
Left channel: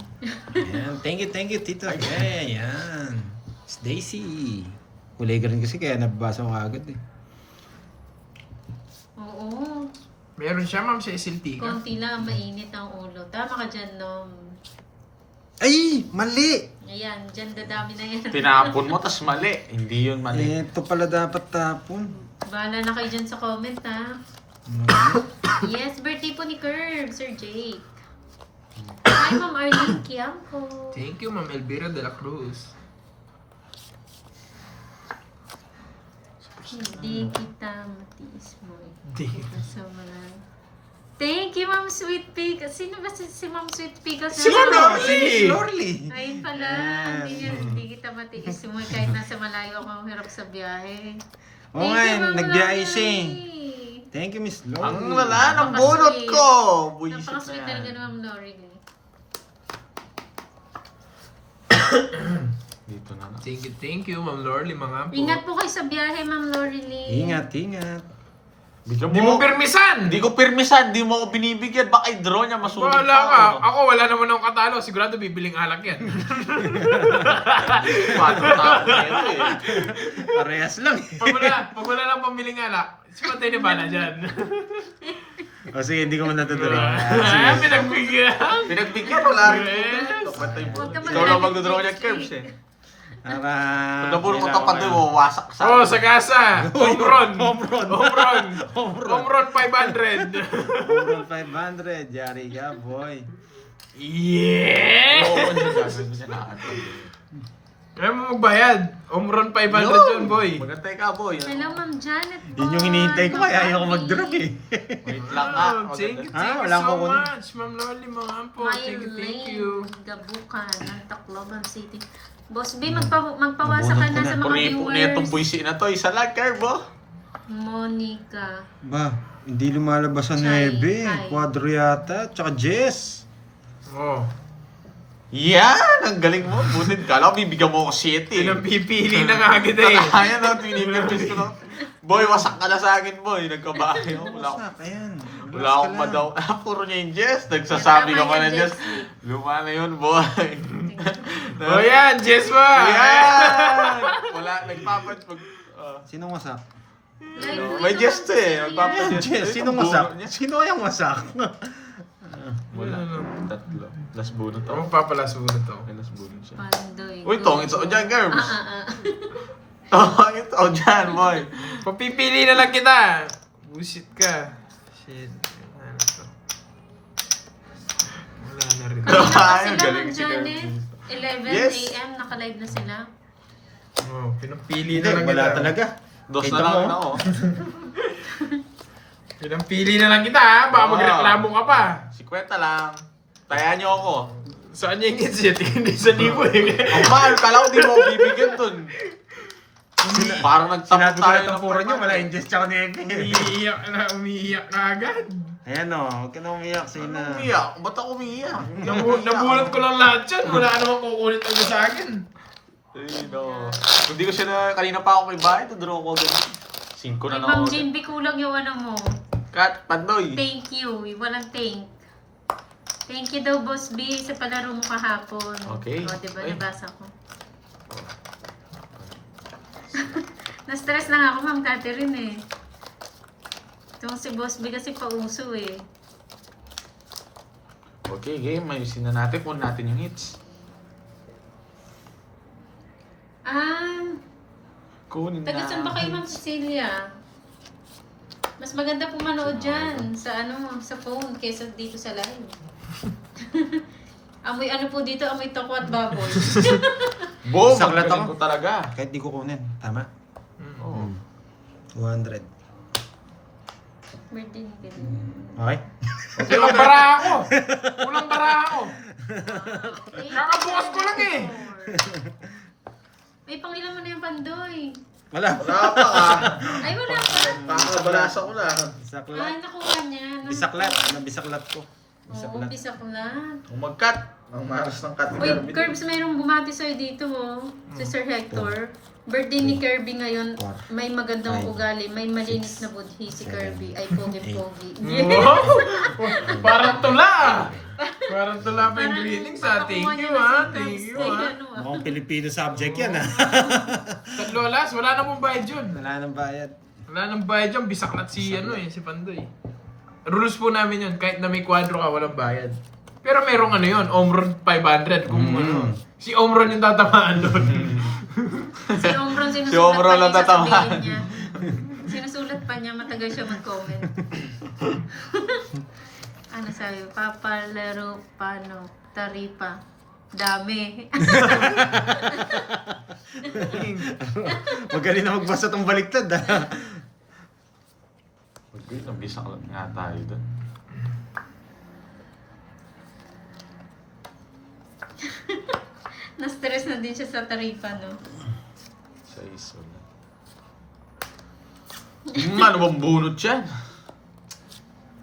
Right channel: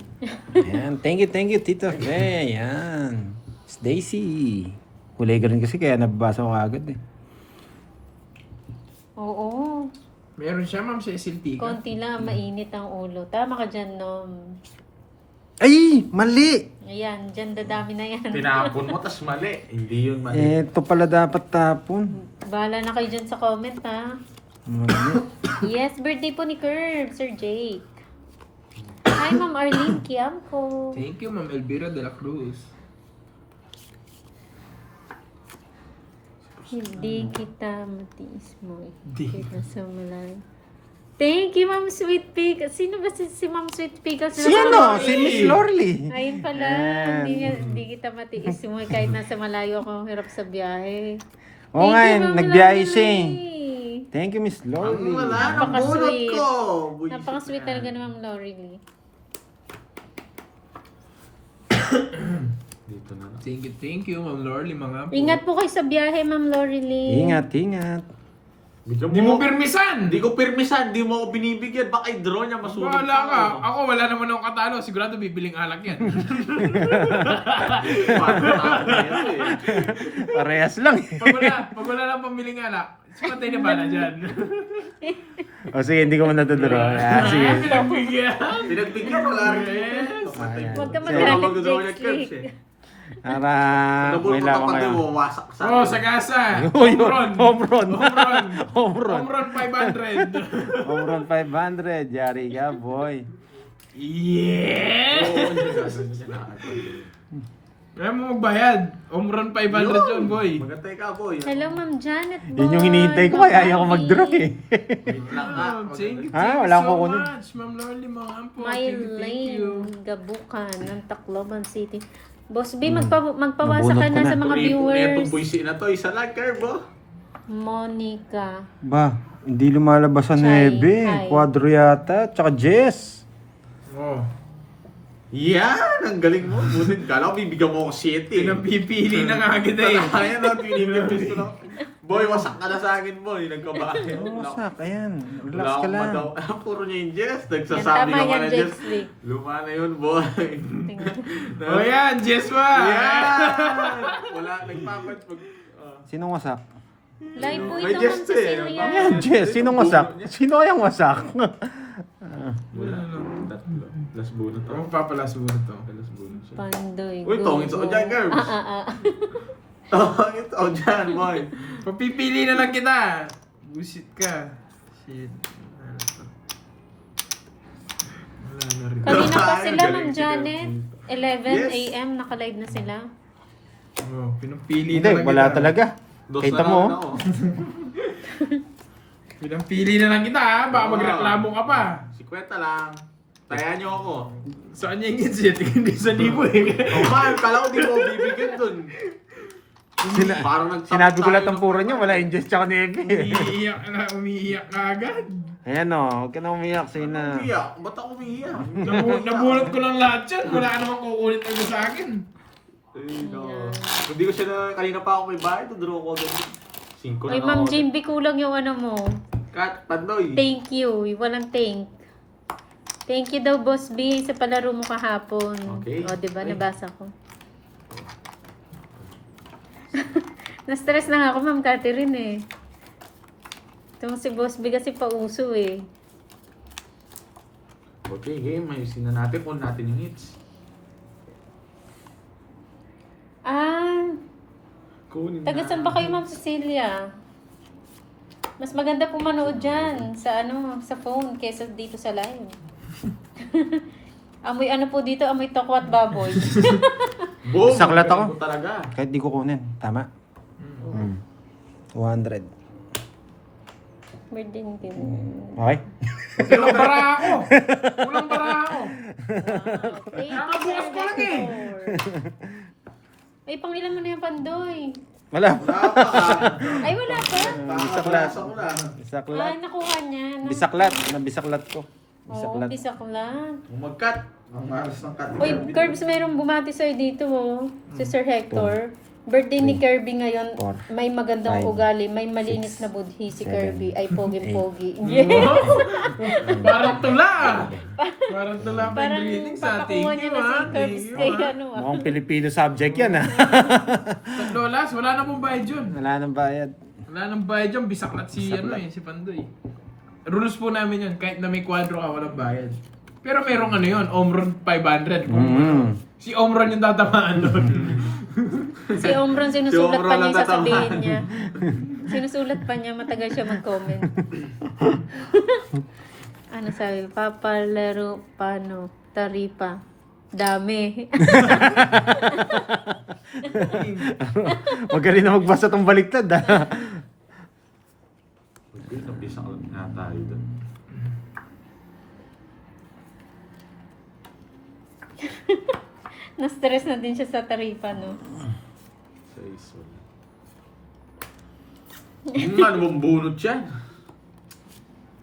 Ayan, thank you, Tita Faye. Ayan. Stacy. Kulay ganun kasi kaya nababasa ko agad eh. Oo. Meron siya, ma'am, sa SLT. Konti lang, mainit ang ulo. Tama ka dyan, Nom. Ay! Mali! Ayan, dyan dadami na yan. Tinapon mo, tas mali. Hindi yun mali. Ito pala dapat tapon. Bahala na kayo dyan sa comment, ha? Mali. Yes, birthday po ni Curb, Sir Jake. Hi, Ma'am Arlene Quiamco. Thank you, ma'am Elvira de la Cruz. Hindi kita matiis mo. Di. Kita sa malayo. Thank you, Ma'am Sweet Pickles. Sino ba si Ma'am Sweet Pickles? Sino? Si Miss Lorly. Ayun pala. Hindi kita matiis mo. Kahit nasa malayo ako, hirap sa biyahe. Oo Thank nga, you, Ma'am nagbiyahe Lorly. siya eh. Thank you, Miss Lorly. Ang wala ng bunot ko. Buisit Napaka-sweet na talaga yan. ni Ma'am Lorly. Dito na lang. Thank you, ma'am Lorly, mga po. Ingat po kayo sa biyahe, Ma'am Lorly. Ingat, ingat. Hindi mo permisan! Hindi ko pirmisan, di mo ako binibigyan. Baka i-draw niya, masulit Wala ka. Ako, wala naman akong katalo. Sigurado bibiling alak yan. Parehas lang eh. Pag wala lang pamiling alak, simatay na bala dyan. O sige, hindi ko man natuturo. Sige. Pinagbigyan. Pinagbigyan, wala rin. Huwag ka Ikaw lang magalit. magdodraw niya curves eh. Para... Pag nabulong ko nila kapag ako doon, wasak sa Oh, sa kasa. Home run. Home run. Home run. Home run. Home run 500. Home run 500. Yari ka, boy. Yeah! Oo, hindi gagawin siya na ate. Kaya mo magbayad. Home run 500 yun, boy. Magantay ka, boy. Hello, Ma'am Janet. Yun yung hinihintay ko, kaya ayaw ko mag-draw eh. Wait lang nga. Oh, thank you, Ha? thank you Wala so akong kukunin. much, Ma'am Lorly, mga po. My Thank you, thank you. Lane Gabukan ng Tacloban City. Boss B, magpawasa ka Nabunot na ka sa na. mga Puripo na itong viewers. buwisi na to. Isa lang, curve, oh. Monica. Ba, hindi lumalabas sa Chai, 9. hi. Quadro yata. Tsaka Jess. Oh. Yan! Ang galing mo. Butit ka. Alam, bibigyan mo ako 7. Pinapipili na nga agad eh. Kaya na, tinibigyan ko na. Boy, wasak ka na sa akin, boy. Nagkabahay. Wala Wasak, ayan. Relax wala ka akong lang. madaw. Ah, puro niya yung Jess. Nagsasabi Tama ka pa yan, na Jess. Jess Lee. Luma na yun, boy. Oh yan, Jess mo. Yan! Wala, nagpapat. Sinong wasak? Live po May ito, Jess to eh. Ma'am Magpapa- Ayan, Jess. Sinong wasak? Sino kayang wasak? Wala. Tatlo. Last bunot to. Ako papalas mo na to. Last bunot siya. Pandoy. Uy, tong, it's all dyan, Garbs. Oh, ito, oh, dyan, boy. Papipili na lang kita. Bullshit ka. Shit. Ano to? Wala na rin. Kanina pa Ay, sila, galing Ma'am si Janet. 11 Yes. a.m. Naka-live na sila. Oh, pinapili Hindi, na lang wala kita. talaga. Dos Kita na mo. lang ako. Pinapili na lang kita ha. Baka Oo. magreklamo ka pa. 50 lang. Taya niyo ako. Saan yung insit? Hindi sa libo eh. Oh, man, kala ko di mo ako bibigyan dun. Parang nagtapos Sinabi ko tayo lahat ng ng puro niya, wala yung Jess tsaka Neve. Umiiyak na agad. Ayan o, huwag ka na umiyak, Sina. Umiyak? Ba't ako umiyak? Nabunot ko lang lahat yan. Wala ka naman kukulit agad sa akin. Ay, no. Hindi ko siya na, kanina pa ako may bahay, na-draw ko doon. 5 Ay, na Ma'am ako. Jinby, kulang yung ano mo. Kat, Pandoy. Thank you. Walang thank. Thank you daw, Boss B, sa palaro mo kahapon. Okay. O, diba? Ay. Nabasa ko. Na-stress na nga ako, Ma'am Catherine eh. Itong si Boss B kasi pauso eh. Okay, game. Ayusin na natin kung natin yung hits. Ah, Kunin taga saan ba kayo, Ma'am Cecilia? Mas maganda po manood dyan sa sa phone kaysa dito sa live. Amoy ano po dito, amoy toko at baboy. Bo, Saklat magaling ako. mo talaga. Kahit di ko kunin, tama? Oo. 200. Birthday ni Kim. Okay? Kulang bara ako. Kulang bara ako. Thank you, Nakabukas ko lang eh. Ay, pangilan mo na yung Pandoy. Wala. Wala pa ah. Ay, wala pa. Nakabalasa ko lang. Ah, Bisaklat. nakuha niya. Bisaklat. Nabisaklat ko. Oo, Bisaklat. bisa ko lang. Mag-cut. Ang maras ng cut. Uy, Curbs, mayroong bumati sa'yo dito, oh. Si Sir Hector. Birthday ni Kirby ngayon. May magandang Five, ugali. May malinis na budhi si Kirby. Ay, pogi-pogi. Parang tula. Parang tula pa yung Parang greetings sa papakuha thank niyo you na ha. si Thank Curbs you kay ha. ano ah. Mukhang Pilipino subject yan ah. Lolas, wala na pong bayad yun. Wala nang bayad. Wala nang bayad yun. Bisaklat si si Pandoy. Rules po namin yun. Kahit na may kwadro ka, walang bayad. Pero merong ano yun, Omron 500. Kung ano, si Omron yung tatamaan doon. Si Omron Si sinusulat Omron pa lang niya yung tatamaan. sasabihin niya. Sinusulat pa niya, matagal siya mag-comment. Ano sabi? Papalaro, paano? Taripa. Dami. Magaling na magbasa tong baliktad ah. Okay, nabisa ka lang nga tayo doon. Na-stress na din siya sa taripa, no? Sa iso na. Ano bang bunot yan?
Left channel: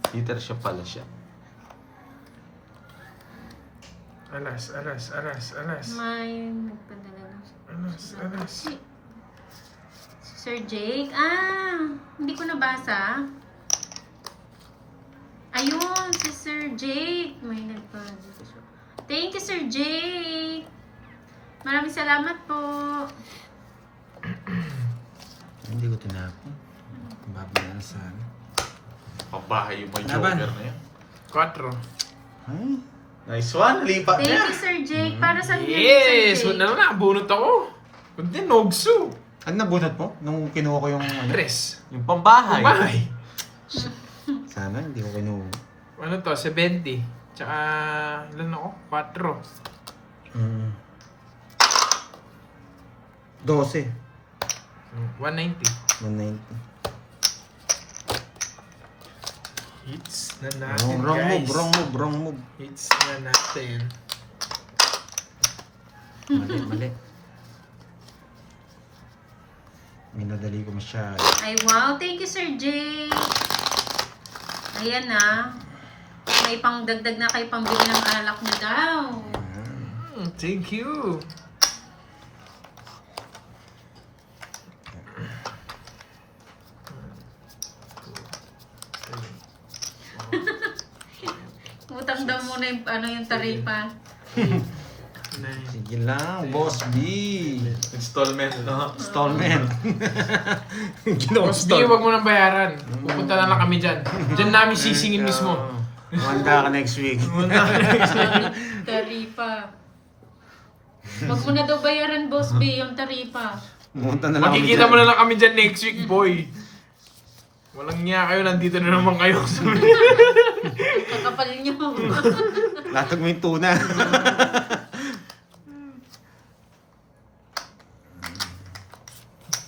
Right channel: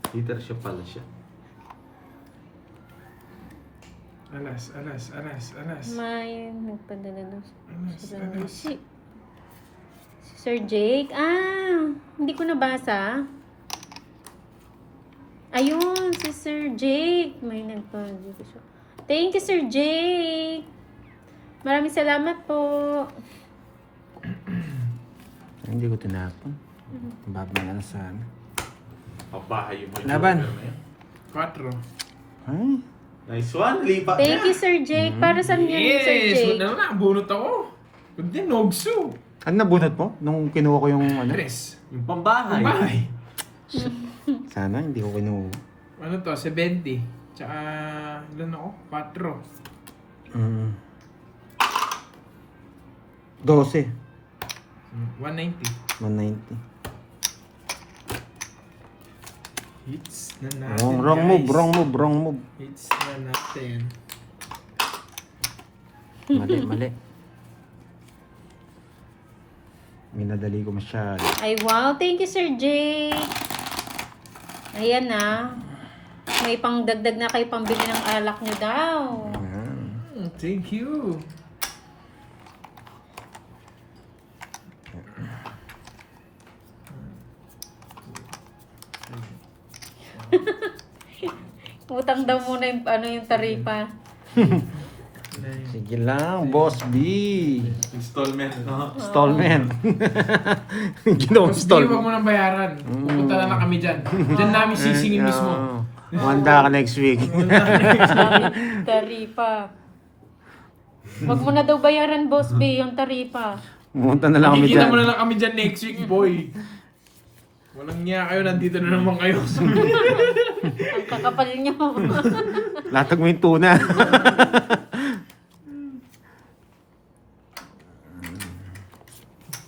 Peter siya pala siya. Alas. May nagpadala ng Alas. Si Sir Jake? Ah, hindi ko nabasa. Ayun, si Sir Jake. May nagpadala siya. Thank you, Sir Jake. Maraming salamat po. Hindi ko tinapon. Bago na sa ano. Pabahay yung may Laban. joker na yun. 4. Nice one, lipat Thank niya. you, Sir Jake. Para sa inyo, Sir Yes! Jake. Wala na, bunot ako. Kundi nogso. Ano nabunot mo? Nung kinuha ko yung ano? Tres. Yung pambahay. Bahay. Sana hindi ko kinuha. Ano to? 70. Tsaka, ilan ako? 4. 12. 190. 190. Hits na natin, Oh, wrong guys. wrong move. Hits na natin. Mali. Minadali ko masyado. Ay, wow. Thank you, Sir Jake. Ayan na. May pangdagdag na kayo pambili ng alak ni daw. Thank you. Utang daw muna yung, yung taripa. Nice. Sige lang, Boss B. Installment, no? Installment. Ginawa Boss B, huwag mo nang bayaran. Pupunta na lang kami dyan. Diyan namin sisingin mismo. Handa ka next week. Sabi, taripa. Huwag mo na daw bayaran, Boss B, yung taripa. Pumunta na lang kami Makikita dyan. mo na lang kami dyan next week, boy. Walang niya kayo, nandito na naman kayo. Ang kakapal niyo. Latag mo yung tuna.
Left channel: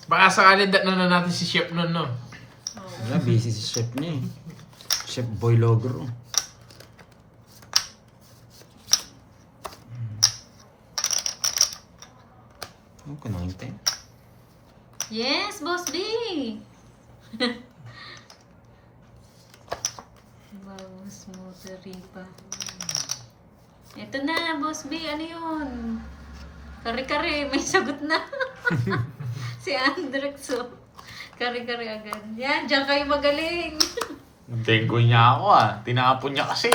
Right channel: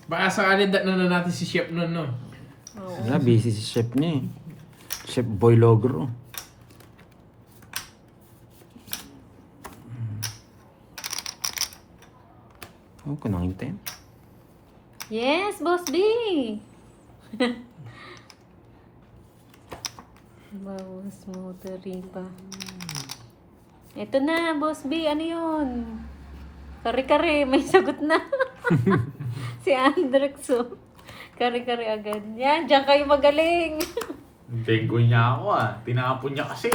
Baka sakali na natin si Chef nun, no? Oo. Busy si chef niya eh. Chef Boy Logro. Ano pa nakintay? Yes, Boss B! Wow, smoothering pa. Ito na, Boss B. Ano yun? Kare-kare, may sagot na. Si Andrex, oh. Kare-kare agad. Yan, diyan kayo magaling. Dengo niya ako tinapon niya kasi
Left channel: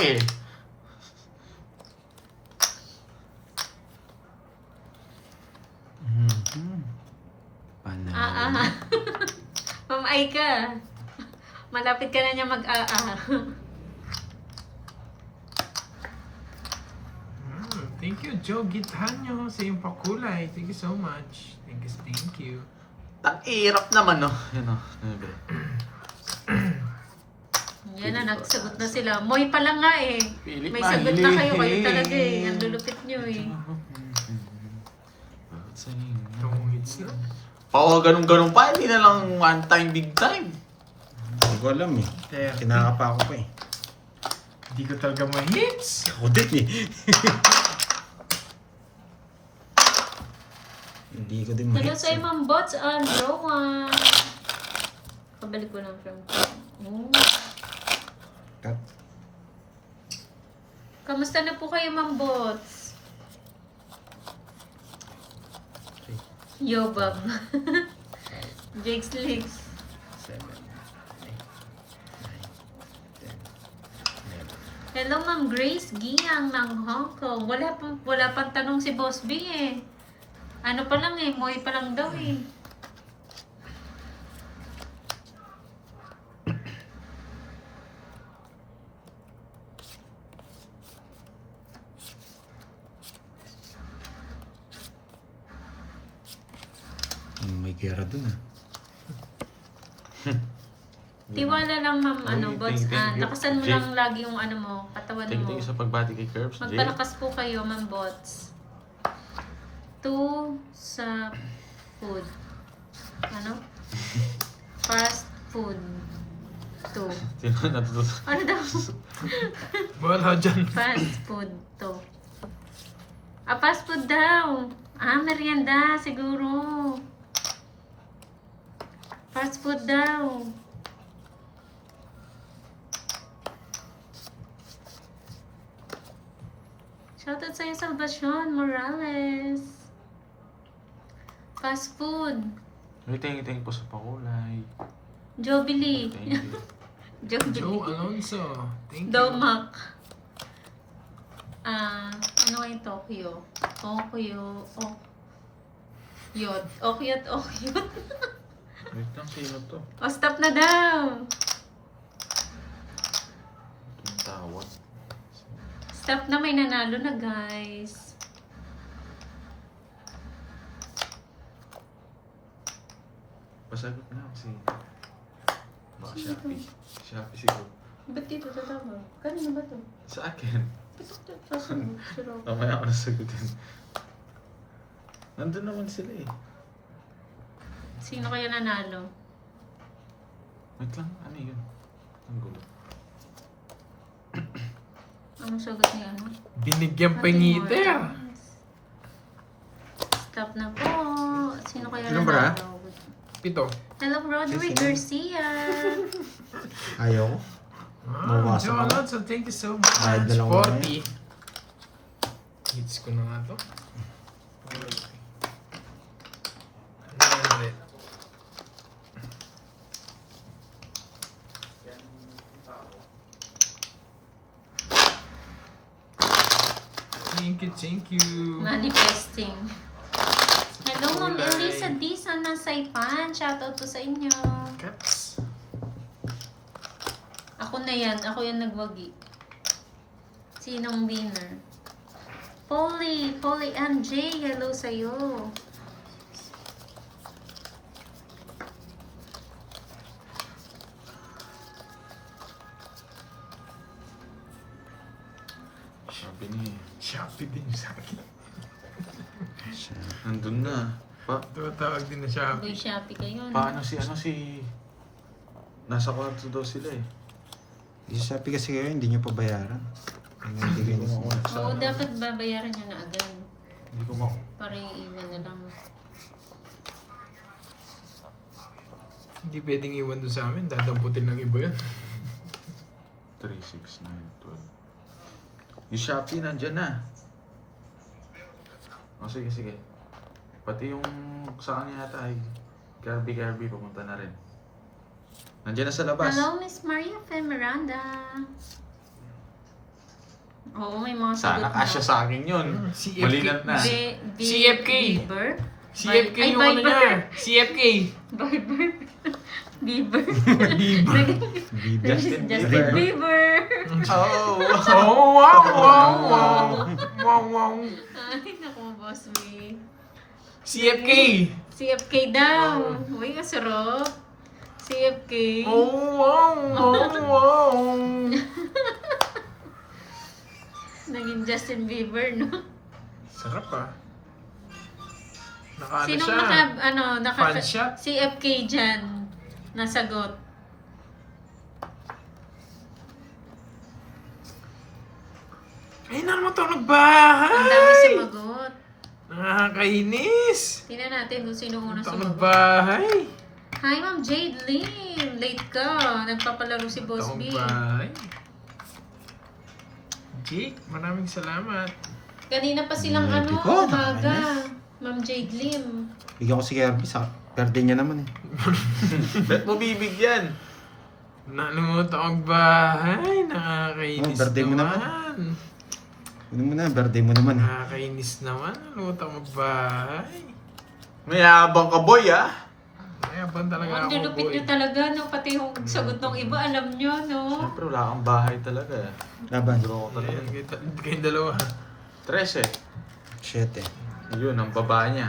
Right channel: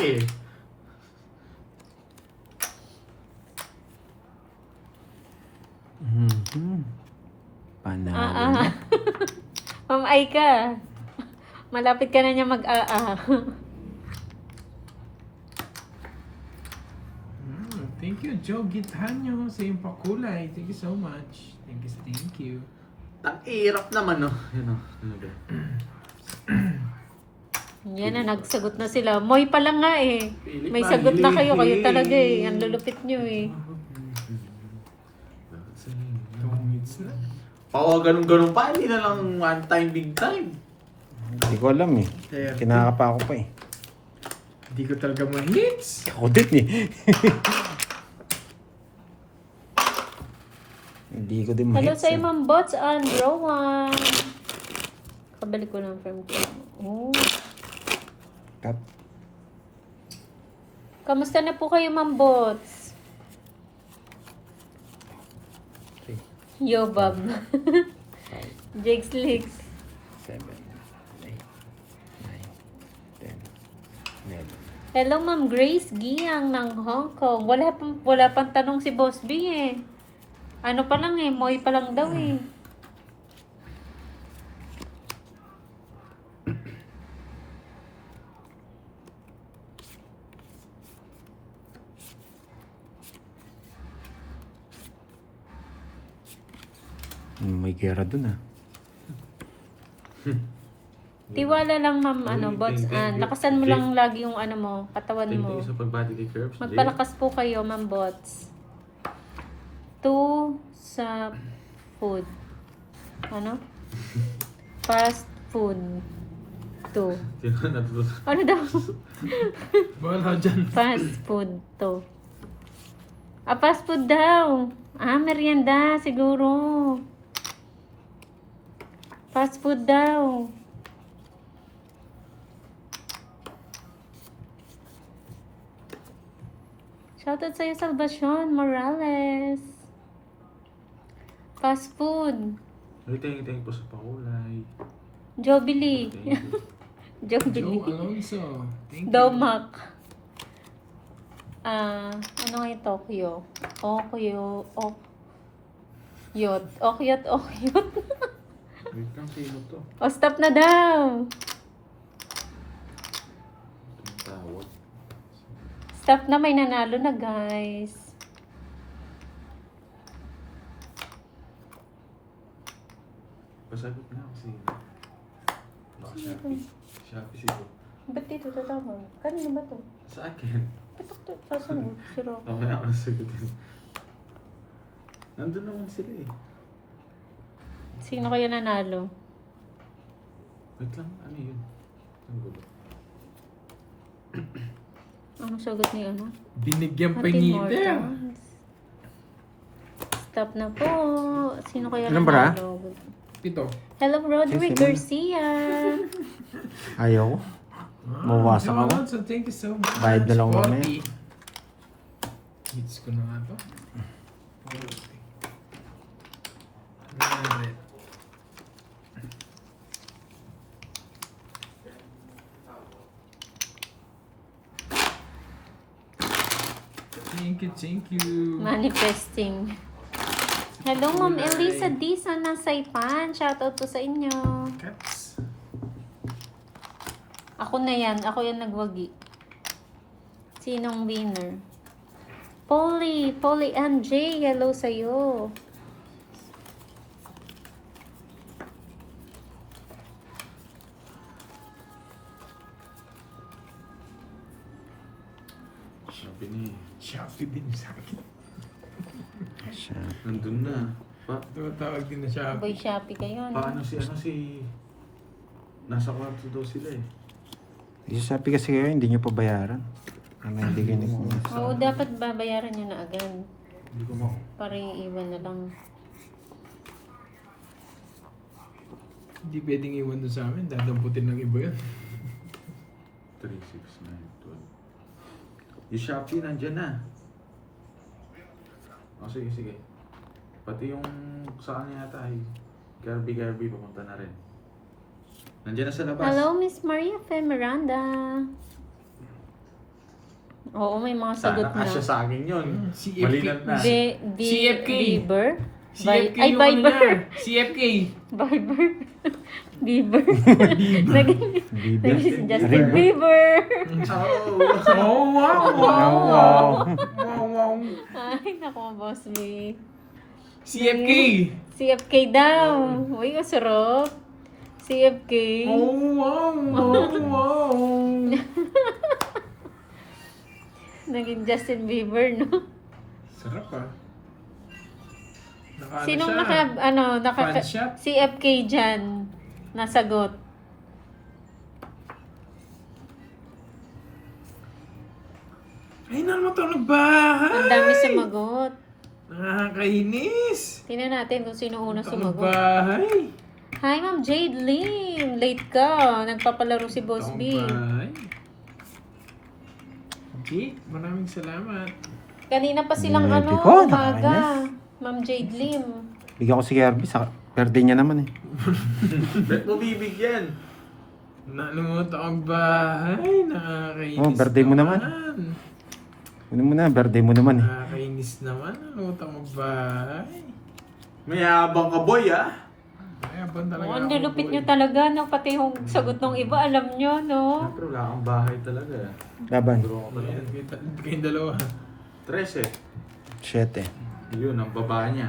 Panalo. Ma'am Aika. Malapit ka na niya Thank you, Joe Gitanyo. Sa iyong pakulay. Thank you so much. Thank you. Hirap naman, no? Yan, no? Yan na, nagsagot na sila. Moy pa lang nga eh. Pilit May na, sagot na kayo. Kayo hili. talaga eh. Ang lulupit nyo eh. Tungits na. Oo, ganun-ganun pa. Hindi na lang one time, big time. Hindi ko alam eh. Kinakapa ako pa eh. Hindi ko talaga ma-hits. Ako din eh. Hindi ko din Hello ma-hits sa eh. Ma'am Bots and Rowan. Kabalik ko lang from Oh. Cut. Kamusta na po kayo, Ma'am Bots? Okay. Yo, Bob. Jake's Leaks. 7, 8, 9, 10, 11. Hello, Ma'am Grace Giang ng Hong Kong. Wala pang tanong si Boss B eh. Ano pa lang eh, Moy pa lang daw eh. May gera dun ah. Tiwala lang, Ma'am, Ay, Bots. thank you. Lakasan mo Jake. lang lagi yung ano mo, katawan Thank mo. you sa pagbati kay Curbs. Magpalakas po kayo, Ma'am Bots. 2 sa food. Ano? Fast food. 2. Sino natututo? Ano daw? Wala dyan. Fast food 2. Fast food daw. Merienda siguro. Fast food daw. Shoutout sa'yo, Salvacion Morales. Fast food. Thank you po sa pakulay. Jobili. Thank you. Joe Jobili. Alonso. Thank you. Domac. Ano nga yung Tokyo? Okyot. Okyot. Wait lang, sino to? Stop na daw. Yung tawag. Stop na, may nanalo na, guys. Pasagot na kasi. Baka Shopee. Shopee siguro. Ba't dito tatawag? Kanino ba to? Sa akin. Ito, sasagot. Suro. Mamaya ako nasagutin. Nandun naman sila eh. Sino kaya nanalo? Wait lang, ano yun? Ang gulo. Anong sagot ni ano? Binigyan pa Ate ni Mortons. Stop na po. Sino kaya Ilan ba? nanalo? Ito. Hello, Roderick Sino? Garcia. Ayaw. Mawawasak Joe ako. Alonso, thank you so much. Bayad na lang ako 40. Hits ko na nga to. Good. 100. Thank you. Manifesting. Hello, Ma'am Elisa Dizon ng Saipan. Shoutout po sa inyo. Cats. Ako na yan. Ako yan nagwagi. Sinong winner? Polly and Jay. Hello sa'yo. Shopee niya eh. Shopee din sa akin. Nandun na. Tumatawag din na Shopee. Boy Shopee kayo. no? Paano si... Nasa kwarto daw sila eh. Isasabi kasi kayo, hindi nyo pa bayaran. Hindi kayo Oo, dapat babayaran nyo na agad. Hindi ko mako. Para yung iwan na lang. Hindi pwedeng iwan doon sa amin. Dadamputin ng iba yun. 3, 6, 9, 12. Yung Shopee nandyan na. O sige, sige. Pati yung sa kanya yata ay Kirby papunta na rin. Nandiyan na sa labas. Hello, Miss Maria Fe Miranda. Oo, may mga sagot Sana na. kasya sa akin yun. CFK. Malinat na. CFK. Bieber? CFK Ay, yung ano Viber. niya. CFK. Viber. Bieber. Bieber. Bieber. Justin Bieber. Oh! Oh, wow, wow, wow. Wow, wow. Ay, naku, Boss B. CFK. CFK daw. Uy, kasarap. CFK. Oh, wow, wow, wow. Naging Justin Bieber, no? Sarap ah. Naka, Sinong ano siya? naka Fan siya? CFK dyan, nasagot. Ay, naman ito nagbahay. Ang dami sumagot. Nakakainis. Tingnan natin kung sino una Ito sumagot. nagbahay. Hi, Ma'am Jade Lim. Late ka. Nagpapalaro si Boss Ito B. nagbahay. Jake, maraming salamat. Kanina pa silang Late ano, ko, umaga. Ma'am Jade Lim. Bigyan ko si Kirby sa birthday niya naman eh. Ba't mo bibigyan? Nakalimutan ko ang bahay. Nakakainis Oh, birthday mo naman. Ano mo na, birthday mo naman eh. Nakakainis naman. Nakalimutan ko ang bahay. Mayabang ka boy ah. Ay, abang talaga Oh, ang ako, lulupit boy. nyo talaga, no? Pati yung sagot ng iba, alam nyo, no? Siyempre wala kang bahay talaga eh. Laban. Ayan, kayong dalawa. 13. 7. Yun, ang baba niya.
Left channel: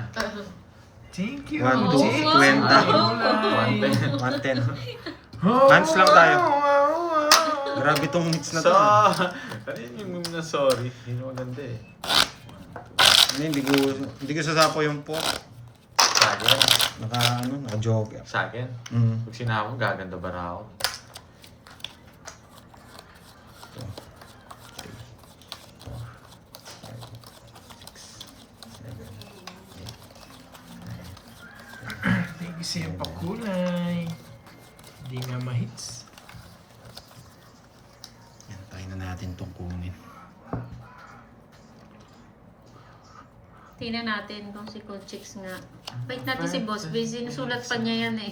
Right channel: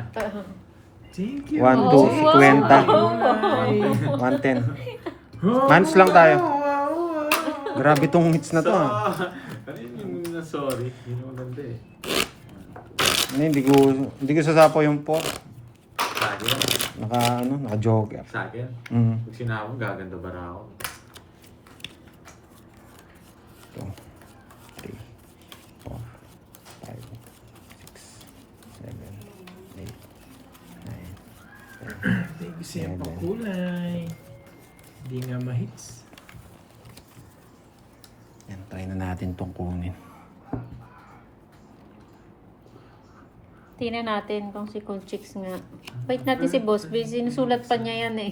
Thank you. 1, Oh, 2, wow. 20. 110. Months lang tayo. Grabe tong hits na to. So, ano yung na sorry? Hindi mo maganda eh. Ano, hindi ko sasapo yung pork. Sa akin. Naka Sa akin. Mm. Pag sinama, gaganda ba na ako? 2, 3, 4, 5, 6, 7, 8. Thank you sa iyong pakulay. Hindi nga ma-hits. Yan, tayo na natin itong kunin. Tingnan natin kung si Cool Chicks nga. Wait natin si Boss B. Sinusulat pa niya yan eh.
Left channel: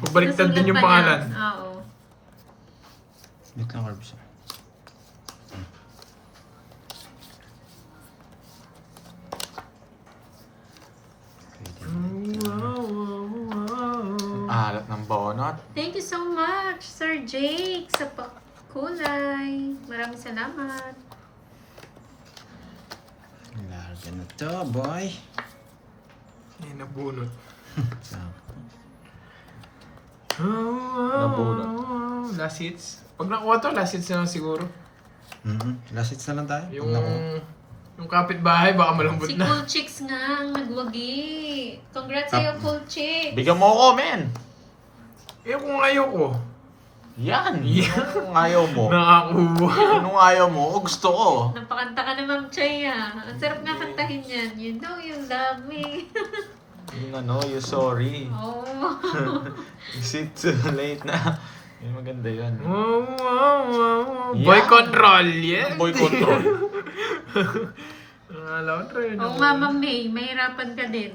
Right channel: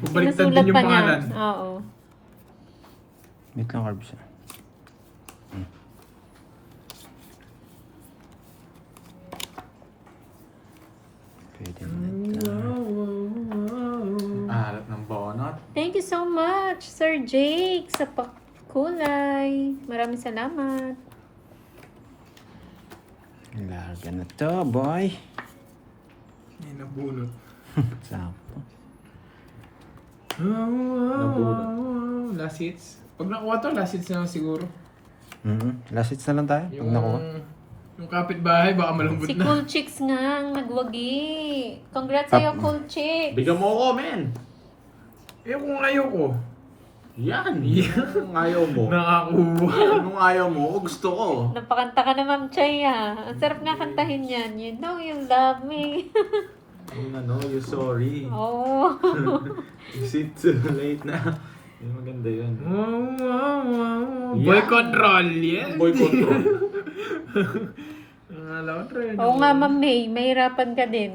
Pabaliktad Sinusulat din yung pa niya. pangalan. Oo. Wait lang, Carbs. Pwede na natin. Wow, wow, wow. Alat ng bonot. Thank you so much, Sir Jake, sa pakulay. Maraming salamat. Larga na to, boy. Ay, nabunot. Sakto. Nabunot. Last hits. Pag nakuha to, last hits na lang siguro. Last hits na lang tayo. Yung, Pag nakuha. yung kapitbahay, baka malambot Si na. Cool Chicks nga ang nagwagi. Congrats sa'yo, Cool Chicks. Bigyan mo ako, men! Eh, kung ayaw ko. Yan! Yan. Kung ayaw mo. Nakakuha. Anong ayaw mo? O gusto ko. Napakanta ka na, Ma'am Chay, ah. Ang sarap na kantahin yan. You know you love me. Yung ano, yung sorry. Oo. Is it too late na? Yung maganda yun. Wow, wow, wow, wow. Yeah. Boy control, yeah. Boy control. Oo nga, Ma'am May. Mahirapan ka din.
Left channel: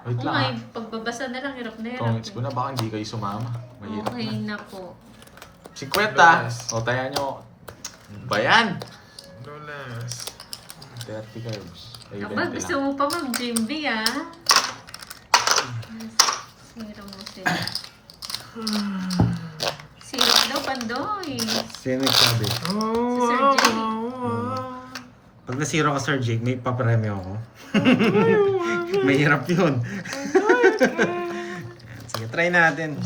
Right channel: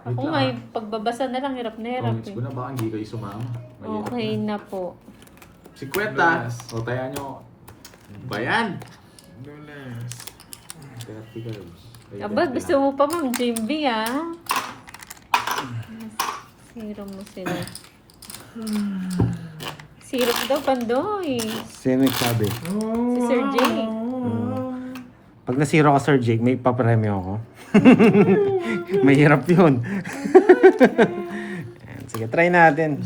Wait Oo lang, nga, ah. yung pagbabasa na lang, hirap na hirap. Pangits ko na, baka hindi kayo sumama. Mahirap Okay na. na po. 50. O, taya nyo. Bayan! Nulas. 30 girls. Ay, Aba, 20 gusto lang. mo pa, Ma'am Jimby, ah. Siro mo sila. Sirop daw, Pandoy. Sino nagsabi? Oh, Sir Jake. wow, wow. Pag nasiro ka, Sir Jake, may papremyo ako. Mahirap yun. Ayan, sige, try natin.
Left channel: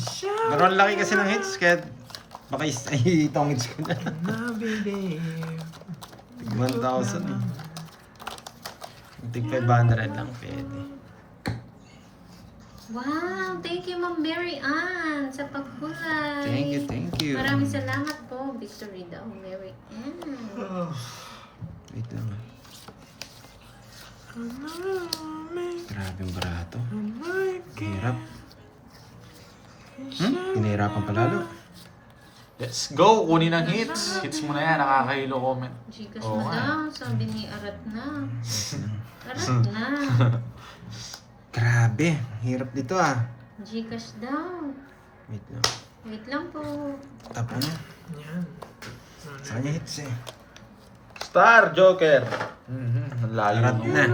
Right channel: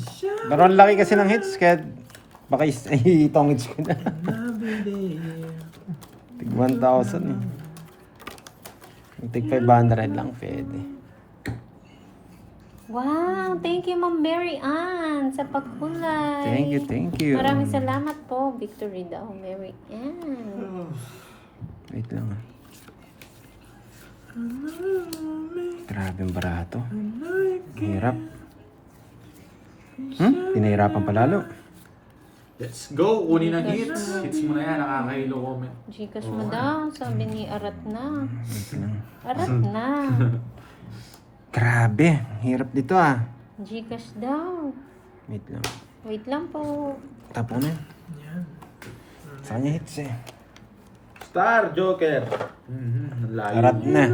Pero ang laki kasi ng hits, kaya baka itong hits ko na. Tig 1,000 eh. Tig 500 lang, pwede. Wow, thank you, Ma'am Mary Ann, sa pagkulay. Thank you. Maraming salamat po. Victory daw, Mary Ann. Wait lang ah. Grabe ang barato. Hirap. Hirapan palalo. Let's go! Kunin ang hits. Hits mo na yan. Nakakahilo comment. Gcash Oo mo nga. daw. Sabi ni Arat na. Arat na. Grabe, hirap dito ah. Gcash daw. Wait lang. Wait lang po. Tapo na. Yan. Sa kanya hits eh. Star Joker! Malayo Harap nung- na.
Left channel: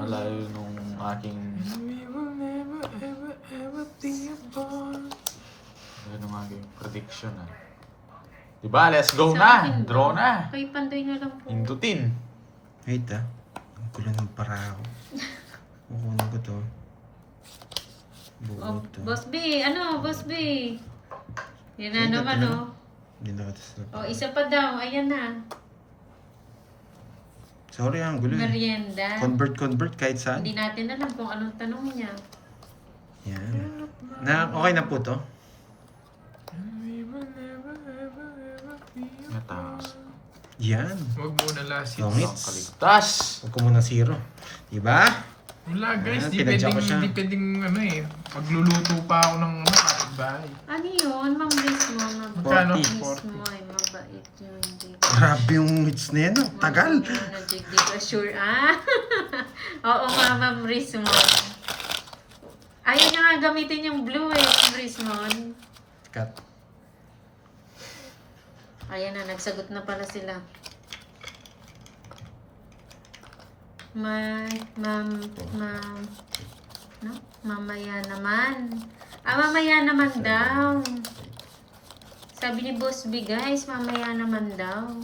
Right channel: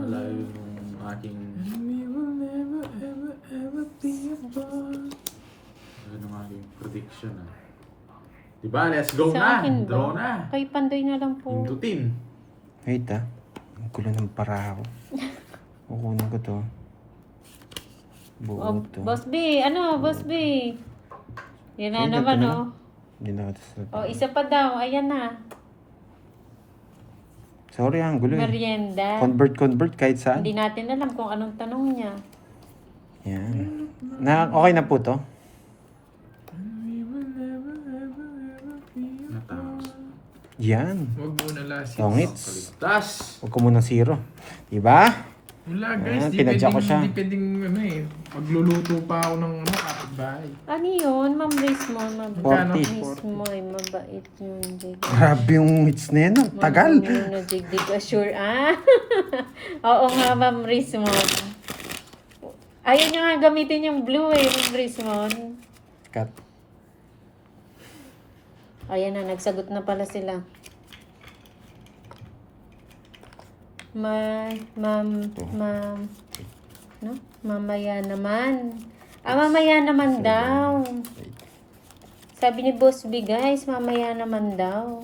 Malayo nung aking... We will never, ever, ever be apart. Yan ang aking prediction. Diba? Let's go Sa na! akin Draw ba? na! Kay Pandoy na lang po. Hindutin. Wait ah. Ang gulo ng para ako. Kukunin ko to. Buo Oh, to. Boss B, ano, Boss B? Yan na Sige, naman, ito na. oh. Hindi na ito sa... Oh, isa pa daw. Ayan na. Sorry ah, ang gulo eh. Merienda. Convert kahit saan. Hindi natin alam kung anong tanong niya. Yan. Okay na po to. We will never, ever, ever be apart. Natakas. Yan. Huwag muna last Long hits. hits. Kaligtas! Huwag ko muna zero. Diba? Wala guys, Ayan, di pinadya pwedeng, ko siya. di pwedeng ano eh. Magluluto pa ako ng kapitbahay. Ano yun? Ma'am Liz mo. Magkano? 40. Miss mo, mabait nyo. Hindi. Grabe yung hits na yan. Tagal. Nagigig assure. Ah! Oo nga, Ma'am Rismon. Ayaw nyo nga gamitin yung blue eh, Ma'am Rismon. Cut. Ayan na, nagsagot na pala sila. Ma'am, no? Mamaya naman. Mamaya naman daw. Sabi ni Boss B, guys, mamaya naman daw.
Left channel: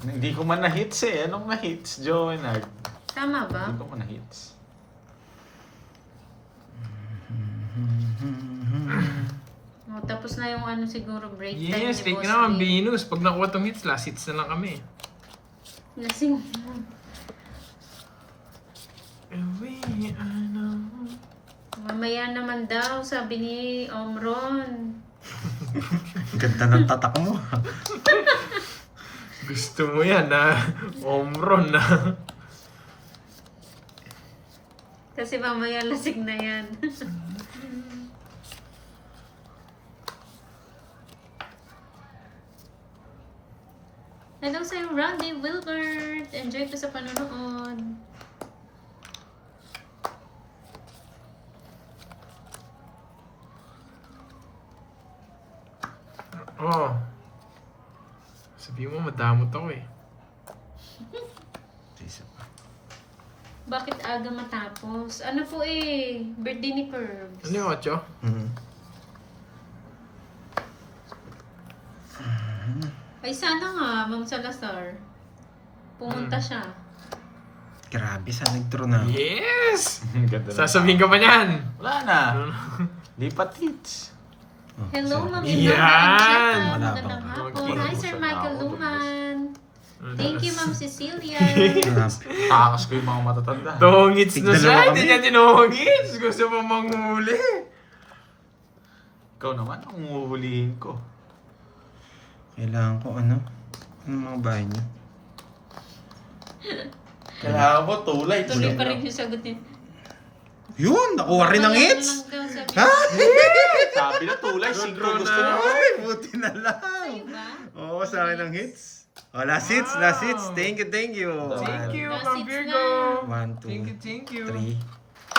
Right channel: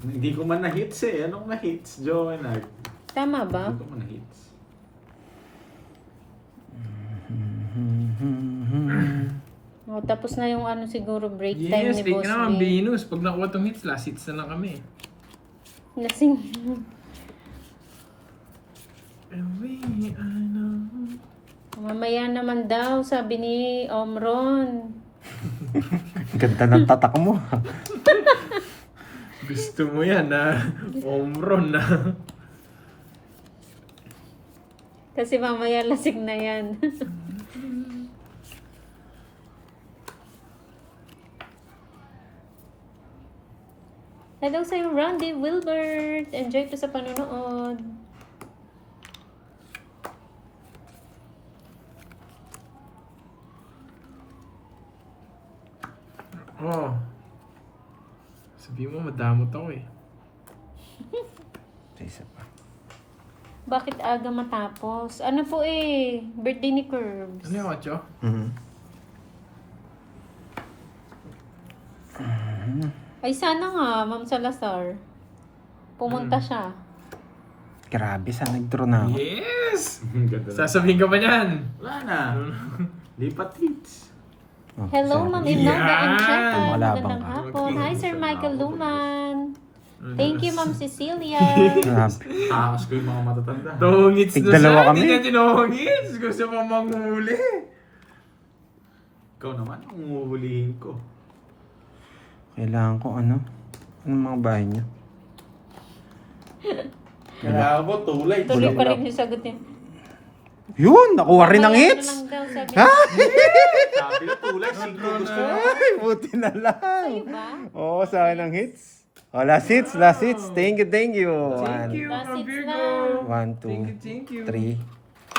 Hindi ko man na-hits eh. Anong na-hits, Joanag? Tama ba? Hindi ko man na-hits. O, tapos na yung ano siguro break time Yes, ni take Boss naman, B. Venus. Pag nakuha tong hits, last hits na lang kami. Lasing. Away, I know. Mamaya naman daw, sabi ni Omron. Ganda ng tatak mo. Gusto mo yan na omron na. Kasi mamaya lasig na yan. Hello sa'yo, Randy Wilbert. Enjoy po sa panonood. Oh. Sabi mo, madamot ako eh. Isa pa. Bakit aga matapos? Ano po eh, birthday ni Curbs. Ano yung 8? Ay sana nga, Ma'am Salazar. Pumunta siya. Grabe, saan nag-draw na ako? Yes! Ganda na. Sasabihin ka pa niyan. Wala na. Lipat hits. Oh, Hello, sorry. Ma'am Inoga and Yan! Cheta. Wala Magandang bang- hapon. Hi, Sir Michael Luman. Thank you, Ma'am Cecilia. Takas ko yung mga matatanda. Toong hits na Tigdalawa siya. kami. Hindi niya tinoong hits. Gusto mo manghuli. Ikaw naman, ang uhulihin ko. Kailangan ko ano? Anong mga bahay niyo? Kailangan mo tulay. Tuloy pa rin yung sagot niya. Yun! Nakuha rin ng Mamaya hits! na lang daw, sabi Ha? Sabi na tulay, 5 gusto niya. Ay, buti na lang. Diba? Oo, sa akin ang hits. Oh, last hits, last hits. Thank you, thank you. Thank you, Last Ma'am hits Virgo. na. 1, 2, Thank you. 3.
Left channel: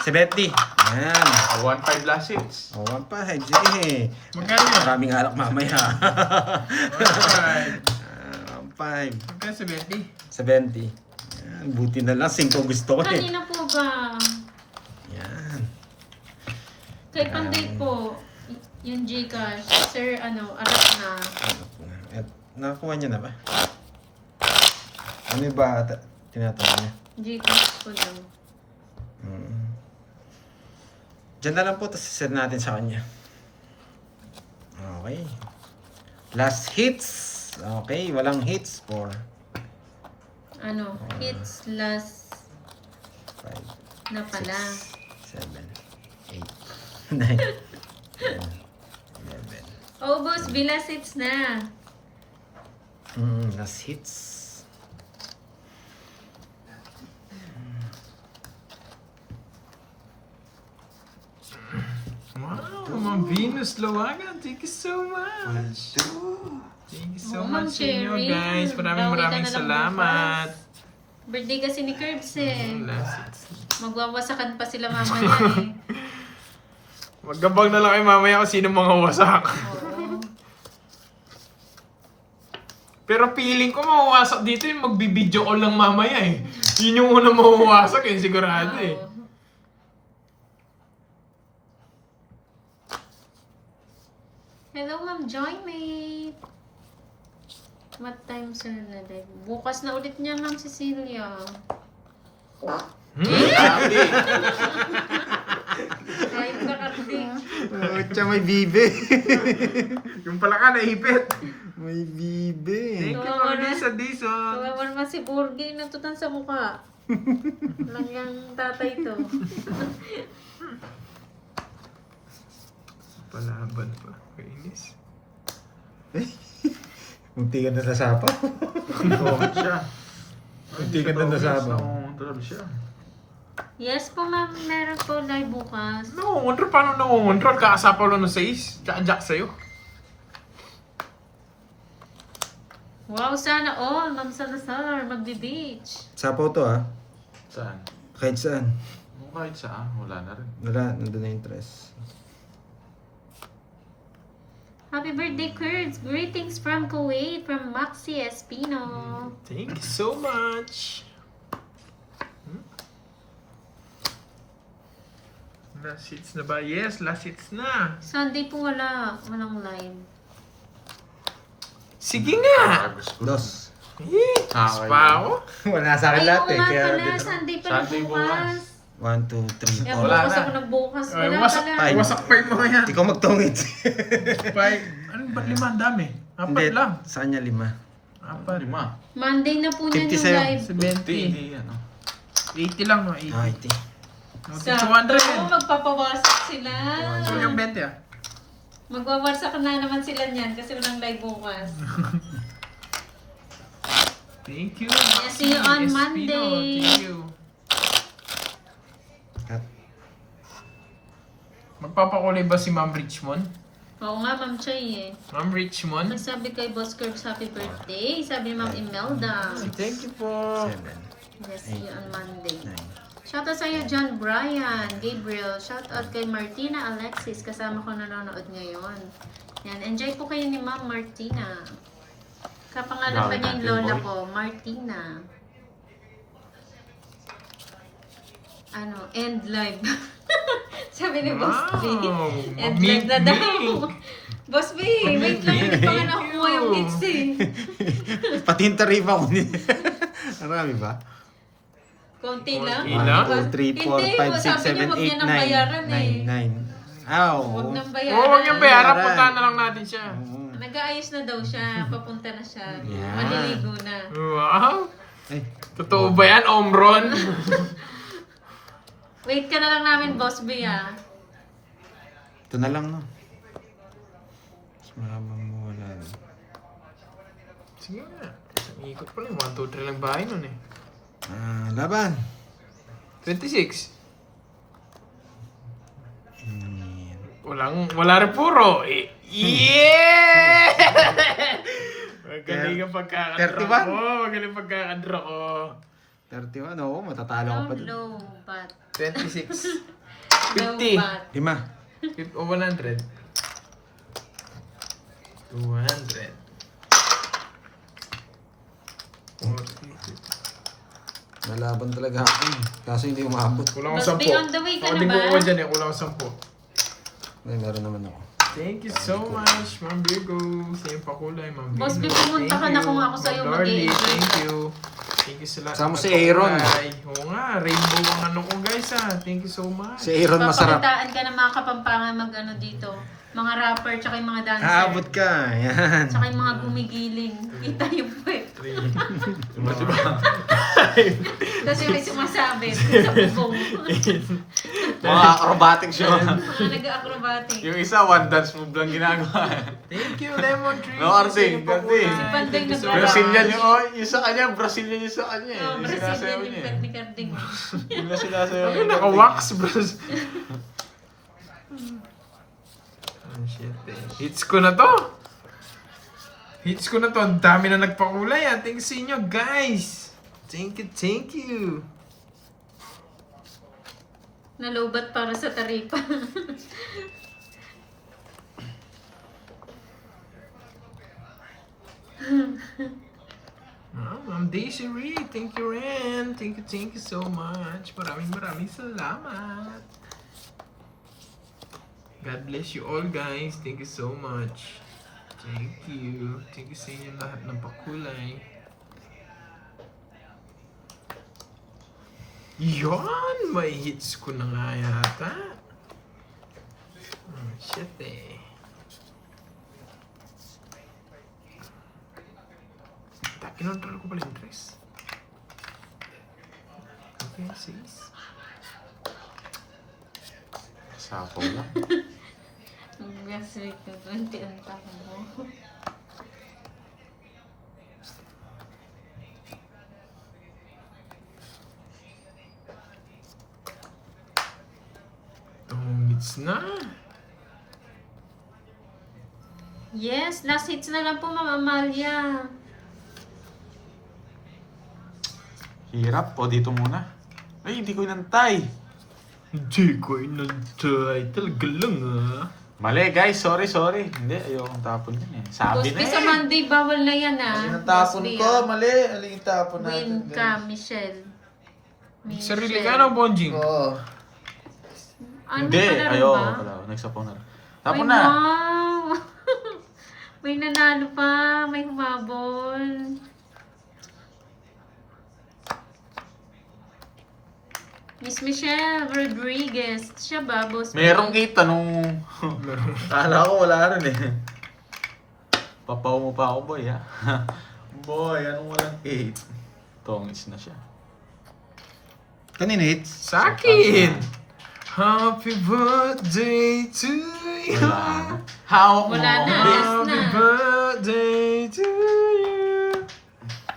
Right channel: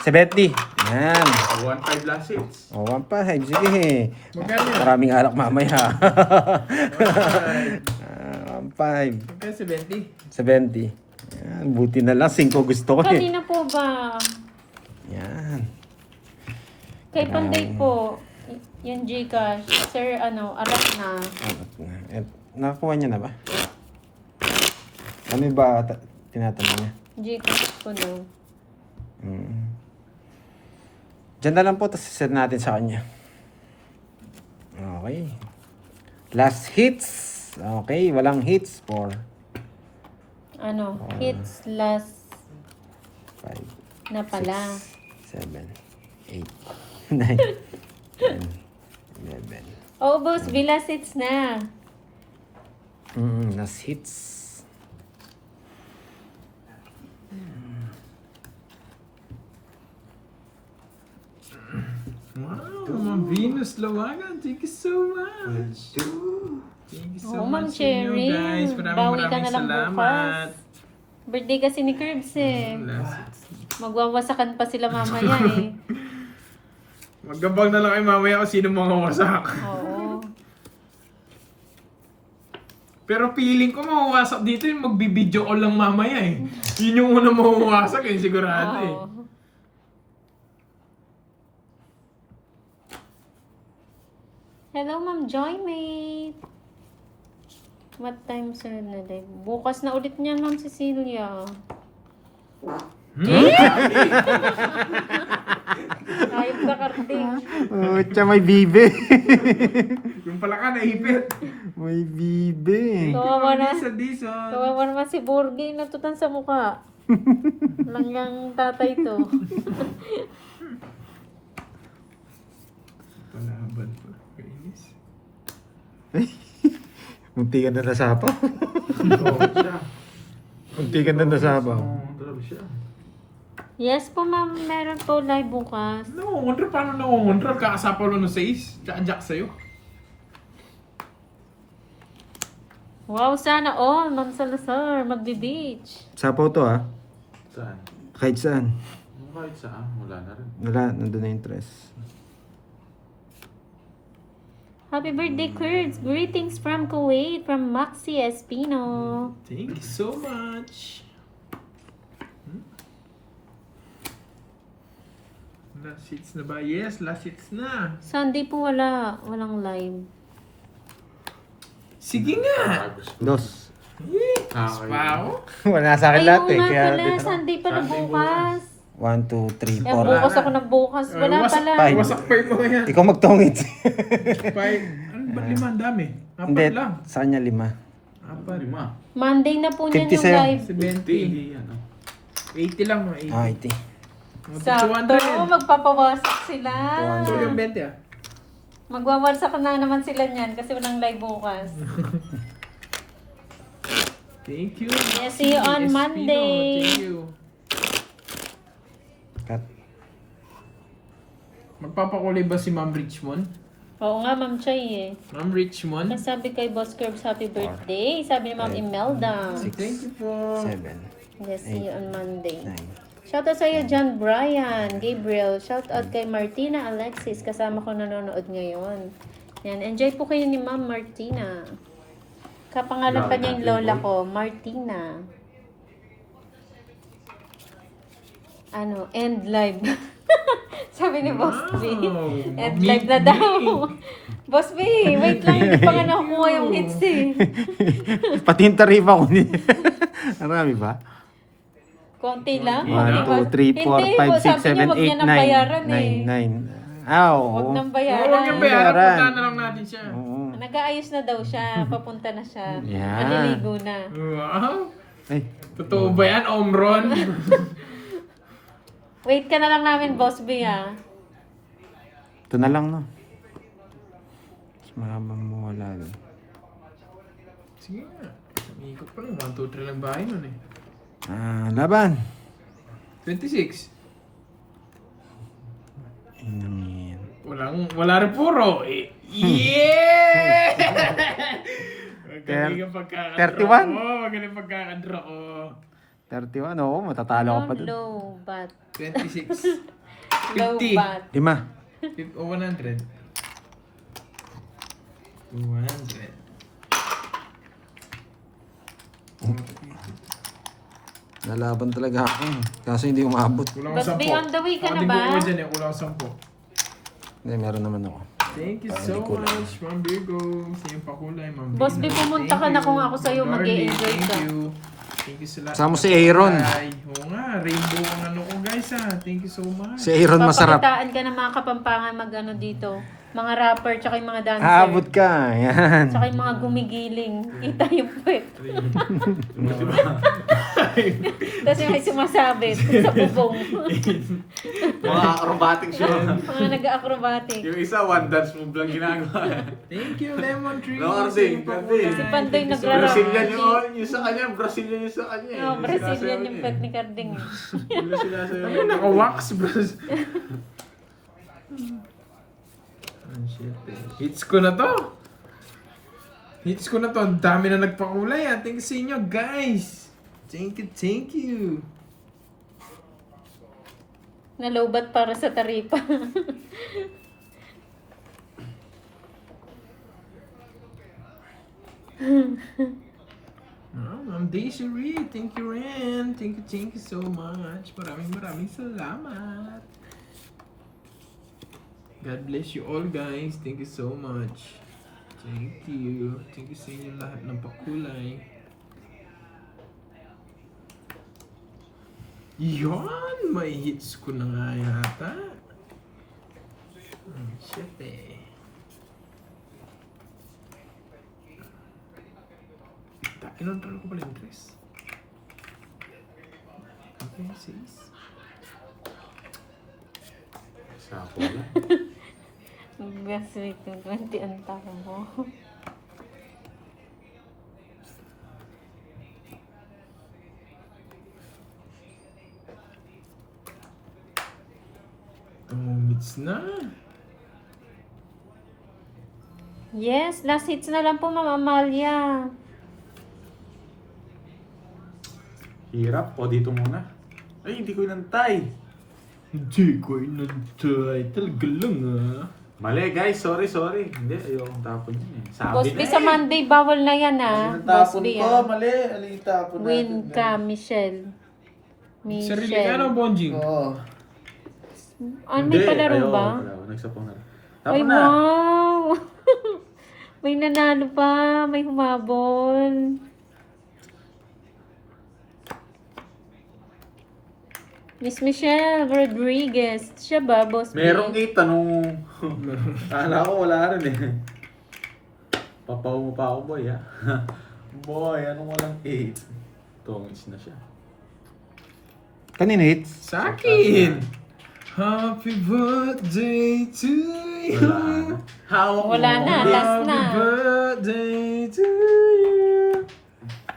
70. Yan. 1-5 last hits. O, 1 pa. Sige. Magkano yan? Maraming alak mamaya. Alright. 1, 5. Magkano 70? 70. Yan, buti na lang. 5 gusto ko eh. Kanina po ba? Yan. Kay Panday po, yung Gcash, Sir, arat na. Nakakuha niya na ba? Ano ba tinatanong niya? Gcash po daw. Diyan na lang po, tapos send natin sa kanya. Okay. Last hits. Okay, walang hits for Hits last 5, na pala. 7, 8, 9, 10, 11. Oh, boss, bilas hits na. Last hits. Wow, Ma'am Venus. Carlos Lawangan, thank you so much. Thank you so Oo, Ma'am much sa inyo, Cherry. guys. Bawi ka Maraming na lang salamat. bukas. Birthday kasi ni Curbs eh. Last. Magwawasakan pa sila mamaya eh. Maggabang na lang kayo mamaya kung sino mga wasak. Oo. Pero feeling ko mawawasak dito yung magbibideo ko lang mamaya eh. Yun yung unang mawawasak eh, sigurado eh. Oo. Hello, Ma'am Joymate. What time sunod na live? Bukas na ulit niyan, Ma'am Cecilia. Ayop na karding. Siya may bibe. Yung pala ka, naipit. May bibe. Thank you, Kawawa Ma'am na. Lisa Dizon. Kawawa naman si Borgie, natutan sa mukha. Langgang tatay to. Palaban pa. Kainis. Munti ka na nasapa. Oo, siya. Munti ka na nasapa. Oo, talaga siya. Yes po, ma'am. Meron po live bukas. Nakungontrol? Paano nakungontrol? Kakasapaw lang ng 6. Tsaka-jack sa'yo. Wow, sana all. Ma'am Salazar, magdi-ditch. Sapaw to ha. Saan? Kahit saan. Kahit saan, wala na rin. Nandun na interest. Happy birthday, Kurds. Greetings from Kuwait, from Maxi Espino. Thank you so much. Last hits na ba? Yes, last hits na. Sunday po wala. Walang live. Sige nga! Dos. Pa ako? Wala sa akin Ay, lahat oo eh. nga Kaya pala. Sunday pala Sunday bukas. 1, 2, 3, Kaya 4. bukas ako nagbukas. Wala wasak pala. Five. Wasak pa yung mga yan. Ikaw magtongit. 5. Ano ba? 5? Ang dami. 4 lang. Sa kanya 5. 4. 5. Monday na po niyan 50 yung sa'yo. live. 70. Hindi, ano. 80 lang, no? 80. Ah, iti. Sakto. 200. Magpapawasak sila. So yung 20 ah. Magwawasak na naman sila niyan kasi walang live bukas. Thank you. Yeah, see you on Espino. Monday. Thank you. Cut. Magpapakulay ba si Ma'am Richmond? Oo nga, Ma'am Chay eh. Ma'am Richmond? Sabi kay Boss Curbs, happy birthday. Sabi ni Ma'am Imelda. Thank you po. 7. Yes, see you on Monday. Shoutout sa iyo, John Brian, Gabriel. Shoutout kay Martina Alexis, kasama ko nanonood ngayon. Yan, enjoy po kayo ni Ma'am Martina. Kapangalan pa niya yung lola ko, Martina. Ano, end live. Sabi ni Boss B. Wow. End live na daw. Boss B, wait lang, hindi pa nga nakuha yung hits eh. Pati yung tarifa ko ni. Marami ba? Konti lang. Konti konti lang. 2, 3, 4, Hindi, 5, 6, sabi niya, 7, wag niya 8, nang bayaran 9. eh. 9. Ah, oo. Huwag nang Oo, bayaran. huwag yung bayaran. Bayaran. Puntahan na lang natin siya. Oo. Nag-aayos na daw siya. Papunta na siya. Yan. Maliligo na. Wow. Ay, Totoo ba yan, Omron? Wait ka na lang namin, Boss B, ah. ito na lang, no? Mas mahabang mawala na. Sige nga. Ikot pa rin. 1, 2, 3 lang bahay nun eh. Laban. 26. Yan. Wala rin puro. Yeah! Magaling ang pagkakadra 31? ko. Magaling pagkakadra ko. 31, oo. Matatalo ka pa dun. Low bat. 26. Low 50. bat. 5. O 100. 200. 40. Nalaban talaga ako eh. Kaso hindi umabot. Kulang Boss ang 10. B, on the way ka na ba? Ako dyan eh. Kulang ang 10. Hindi, meron naman ako. Thank you so much, Ma'am Virgo. Same pa kulay, Ma'am Virgo. Boss B, pumunta ka na kung ako sa'yo, Ma'am Darlie, mag-i-enjoy ka. Thank you. Thank you sa lahat. Kasama ng si Aaron. pakulay. Oo nga, rainbow ang ano ko guys ha. Thank you so much. Si Aaron masarap. Papakitaan ka ng mga kapampangan mag-ano dito. Mga rapper, tsaka yung mga dancer. Haabot ka. Yan. Tsaka yung mga gumigiling. Kita yung puwet. Diba? Tapos yung may sumasabit sa bubong. Mga acrobatics yun. Mga nag-acrobatic. Yung isa, one dance move lang ginagawa. Thank you, Lemon Tree. No, Arding, Same pa ganti. kulay. Si Pandoy Thank you so nagrara- much. Brazilian yung sa kanya, Brazilian yung sa kanya. Oh, Brazilian yung puwet ni Carding. Yun na sinasayaw Ayun, yung naka-wax, bros. Oh, shit eh. Hits ko na to. Hits ko na to. Ang dami na nagpakulay ah. Thank you sa inyo guys. Thank you. Nalobat para sa taripa. Ma'am Daisy Reed, thank you Ren. Thank you so much. Maraming salamat. God bless you all guys. Thank you so much. Thank you. Thank you sa inyo lahat ng pakulay. Yon! May hits ko na nga yata. Oh, shit eh. Ilan pala ko pala interest? Okay, sis. Sapo lang. Gaswik ng konti ang tao mo. Hits na. Yes, last hits na lang po, Ma'am Amalia. Hirap. O, dito muna. Ay, hindi ko inantay. Hindi ko inantay. Talaga lang ah. Mali guys, sorry. Hindi, ayokong tapon yun eh. Sabi Boss na B, eh. sa Monday, bawal na yan ah. Ano Boss tapon B ko? ah. Mali. Ano yung tapon natin? Win ka, Michelle. Sarili ka ng bonjing. Oo. Ano Hindi, may palaro ayoko ba? pala. Nagsapaw na rin. Ay, Tapon na. wow! May nanalo pa. May humabol. Miss Michelle Rodriguez. Siya ba, Boss B? Merong 8 nung... Kala ko wala rin eh. Papaw mo pa ako boy ha. Boy, anong walang 8? Tongis na siya. Kanina hits. Sa akin! Happy birthday to you! Wala na. Hawak mo. Wala na, Hindi. last na. Happy birthday to you!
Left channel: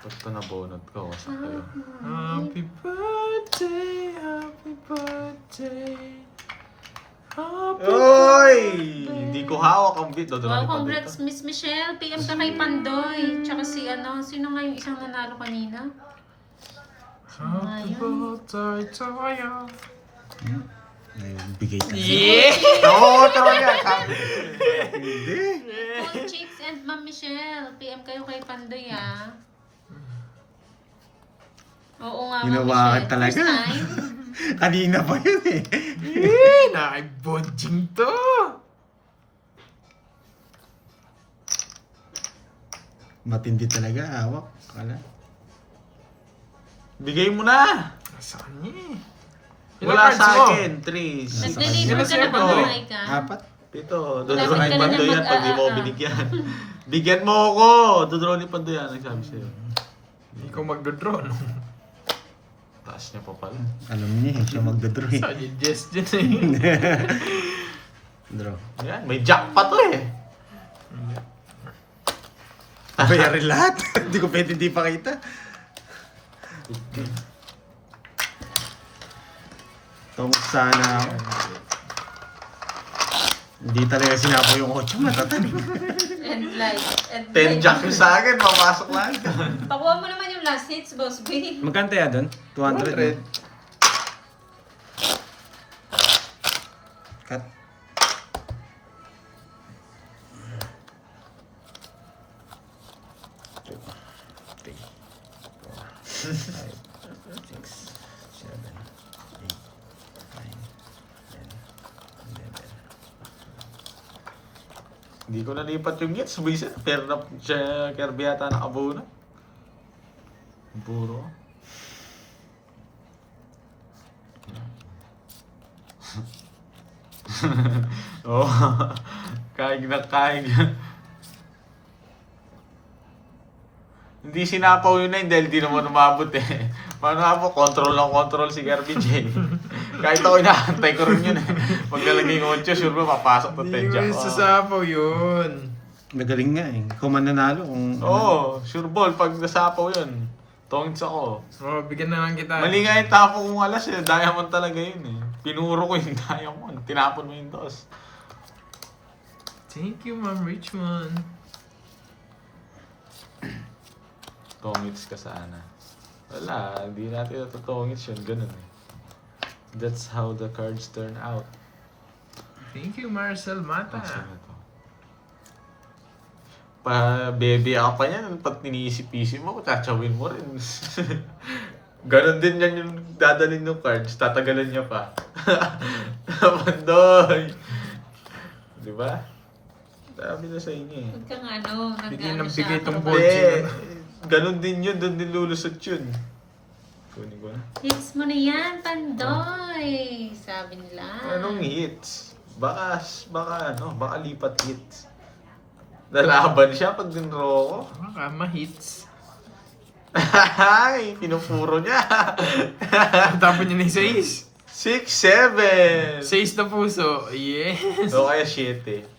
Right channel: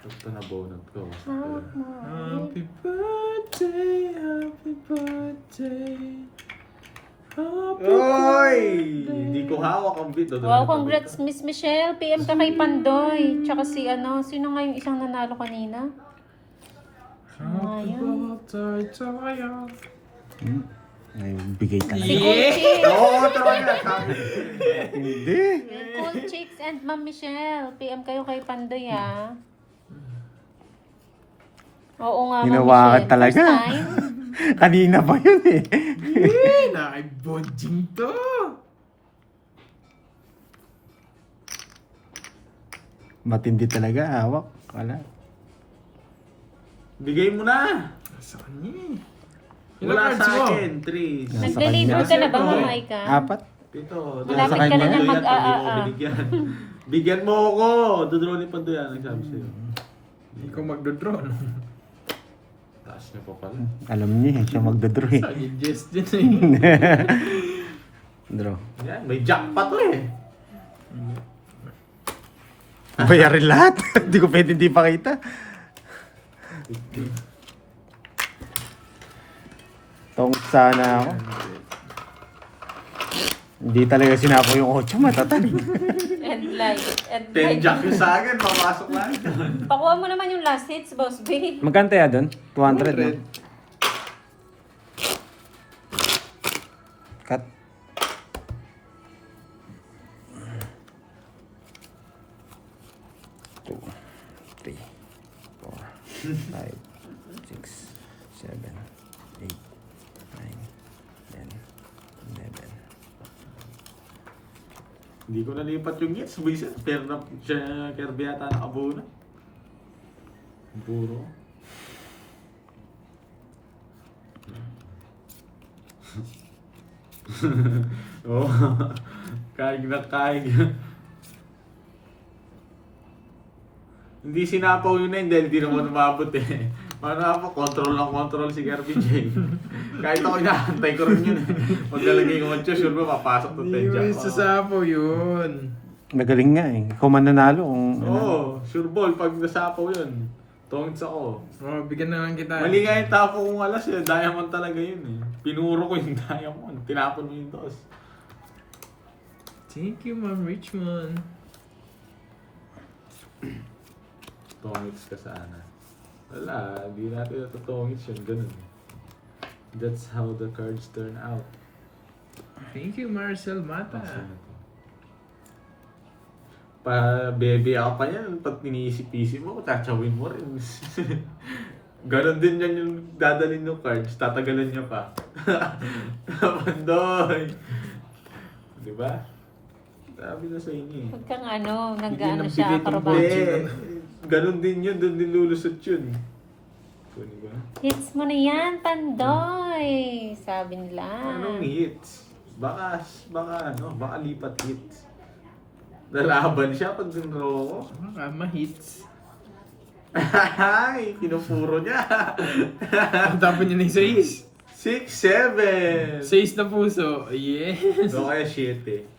Ito na bunot ko. Sakto yun. Happy birthday, happy birthday. Happy Oy! Hindi ko hawak ang beat. Wow, congrats Miss Michelle. PM ka kay Pandoy. Tsaka si ano, sino nga yung isang nanalo kanina? Happy Ayun. birthday to you. Bigay tayo. Si Cool Chicks. Oo, talaga. Sabi. Cool Chicks and Ma'am Michelle. PM kayo kay Pandoy ah. Oo nga, Ma'am Hinawakan Michelle. talaga. First time. Kanina pa yun eh. Nakibonjing to. Matindi talaga, hawak. Wala. Bigay mo na. Nasaan niya eh? Wala Ilang sa cards mo? akin. 3. Nag-deliver ka na ba, Sino Ma'am sir? Aika? Apat. Ito. Malapit ka na lang mag- Pag di mo ako ah. binigyan. Bigyan mo ako. Dodraw ni Pandoyan. Nagsabi sa'yo. Hindi ko magdodraw, no? Taas niya pa pala. Alam niya, siya magdodraw eh. Saan yung Jess dyan eh? Draw. Ayan, may jack pa to eh. Bayarin lahat. Hindi ko pwede hindi pakita. Tong sana ako. Hindi talaga sinapo yung 8 matatay. And light. 10 jack yung sa akin. Papasok lang. Pakuha mo naman yung last hits, Boss B. Magkano ya doon? 200 na. Cut. Two, three, 4, 5, 6, 7, 8, 9, 10, 11. Hindi ko nalipat yung gets. Buisit. Pero na siya Kirby yata nakabuo na. Puro. Oo. Kaig na kaig. Hindi sinapaw yun na yun dahil di naman umabot eh. Paano nga po, control si Kirby J. Kahit ako inaantay ko rin yun eh. Pag nalagay yung 8, sure ba papasok to 10 Hindi mo jack. yung sasapaw yun. Magaling nga eh. Ikaw man nanalo. Oo, sure ball pag nasapaw yun. Tongits ako. Oh, bigyan na lang kita. Mali nga yung tapo kong alas eh. Diamond talaga yun eh. Pinuro ko yung diamond. Tinapon mo yung dos. Thank you, Ma'am Richmond. Tongits ka sana. Wala, hindi natin natutongits yun. Ganun eh. That's how the cards turn out. Thank you, Marcel Mata. Pa-baby ako pa niyan. Pag iniisip-isip mo, tatsawin mo rin. Ganon din yan yung dadalhin ng cards. Tatagalan niya pa. Pandoy! Diba? Sabi na sa inyo eh. Huwag kang ano, Bigyan nag-ano ng siya, bigay tong acrobatic. Hindi. Ganon din yun. Doon din lulusot yun. Kunin ko. Hits mo na yan, Pandoy! Sabi nila. Anong hits? Baka lipat hits. Nalaban siya pag dinro ko. Baka ma-hits. Ay, pinupuro niya. Ang tapon niya ng 6. 6, 7. 6 na puso. Yes. So kaya 7.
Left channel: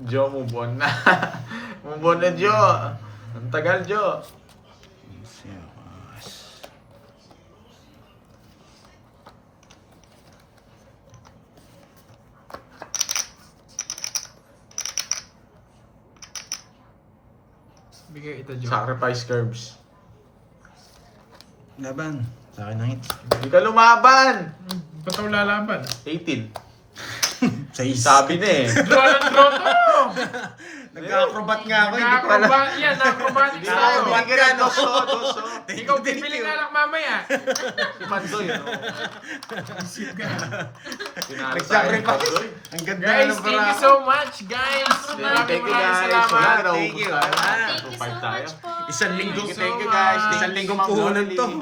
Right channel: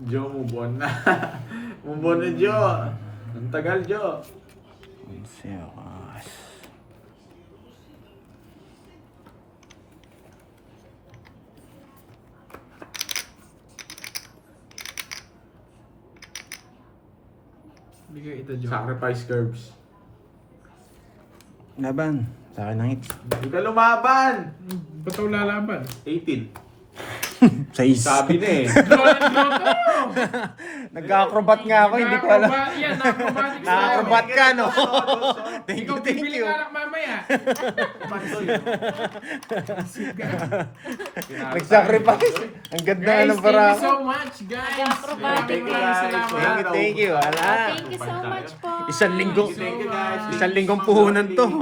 Joe, move on na. Move on na, Joe. Ang tagal, Joe. Bigay ito, Joe. Sacrifice curves. Laban. Sa akin Knights. Hindi ka lumaban. Ba't ako lalaban? 18. 6. Sabi na eh. Draw to! Nag-acrobat nga ako, hindi ko alam. Acrobat yan, acrobatic style. Acrobat ka, no? Ikaw bibili nga lang mamaya. Pantoy. Nag-sacrifice. Ang ganda Guys, ng thank you para. so much, guys. Thank you, Maraming guys. salamat. Thank you. Wala. Thank you so much po. Isang linggo. Thank you, guys. Isang linggong puhunan to.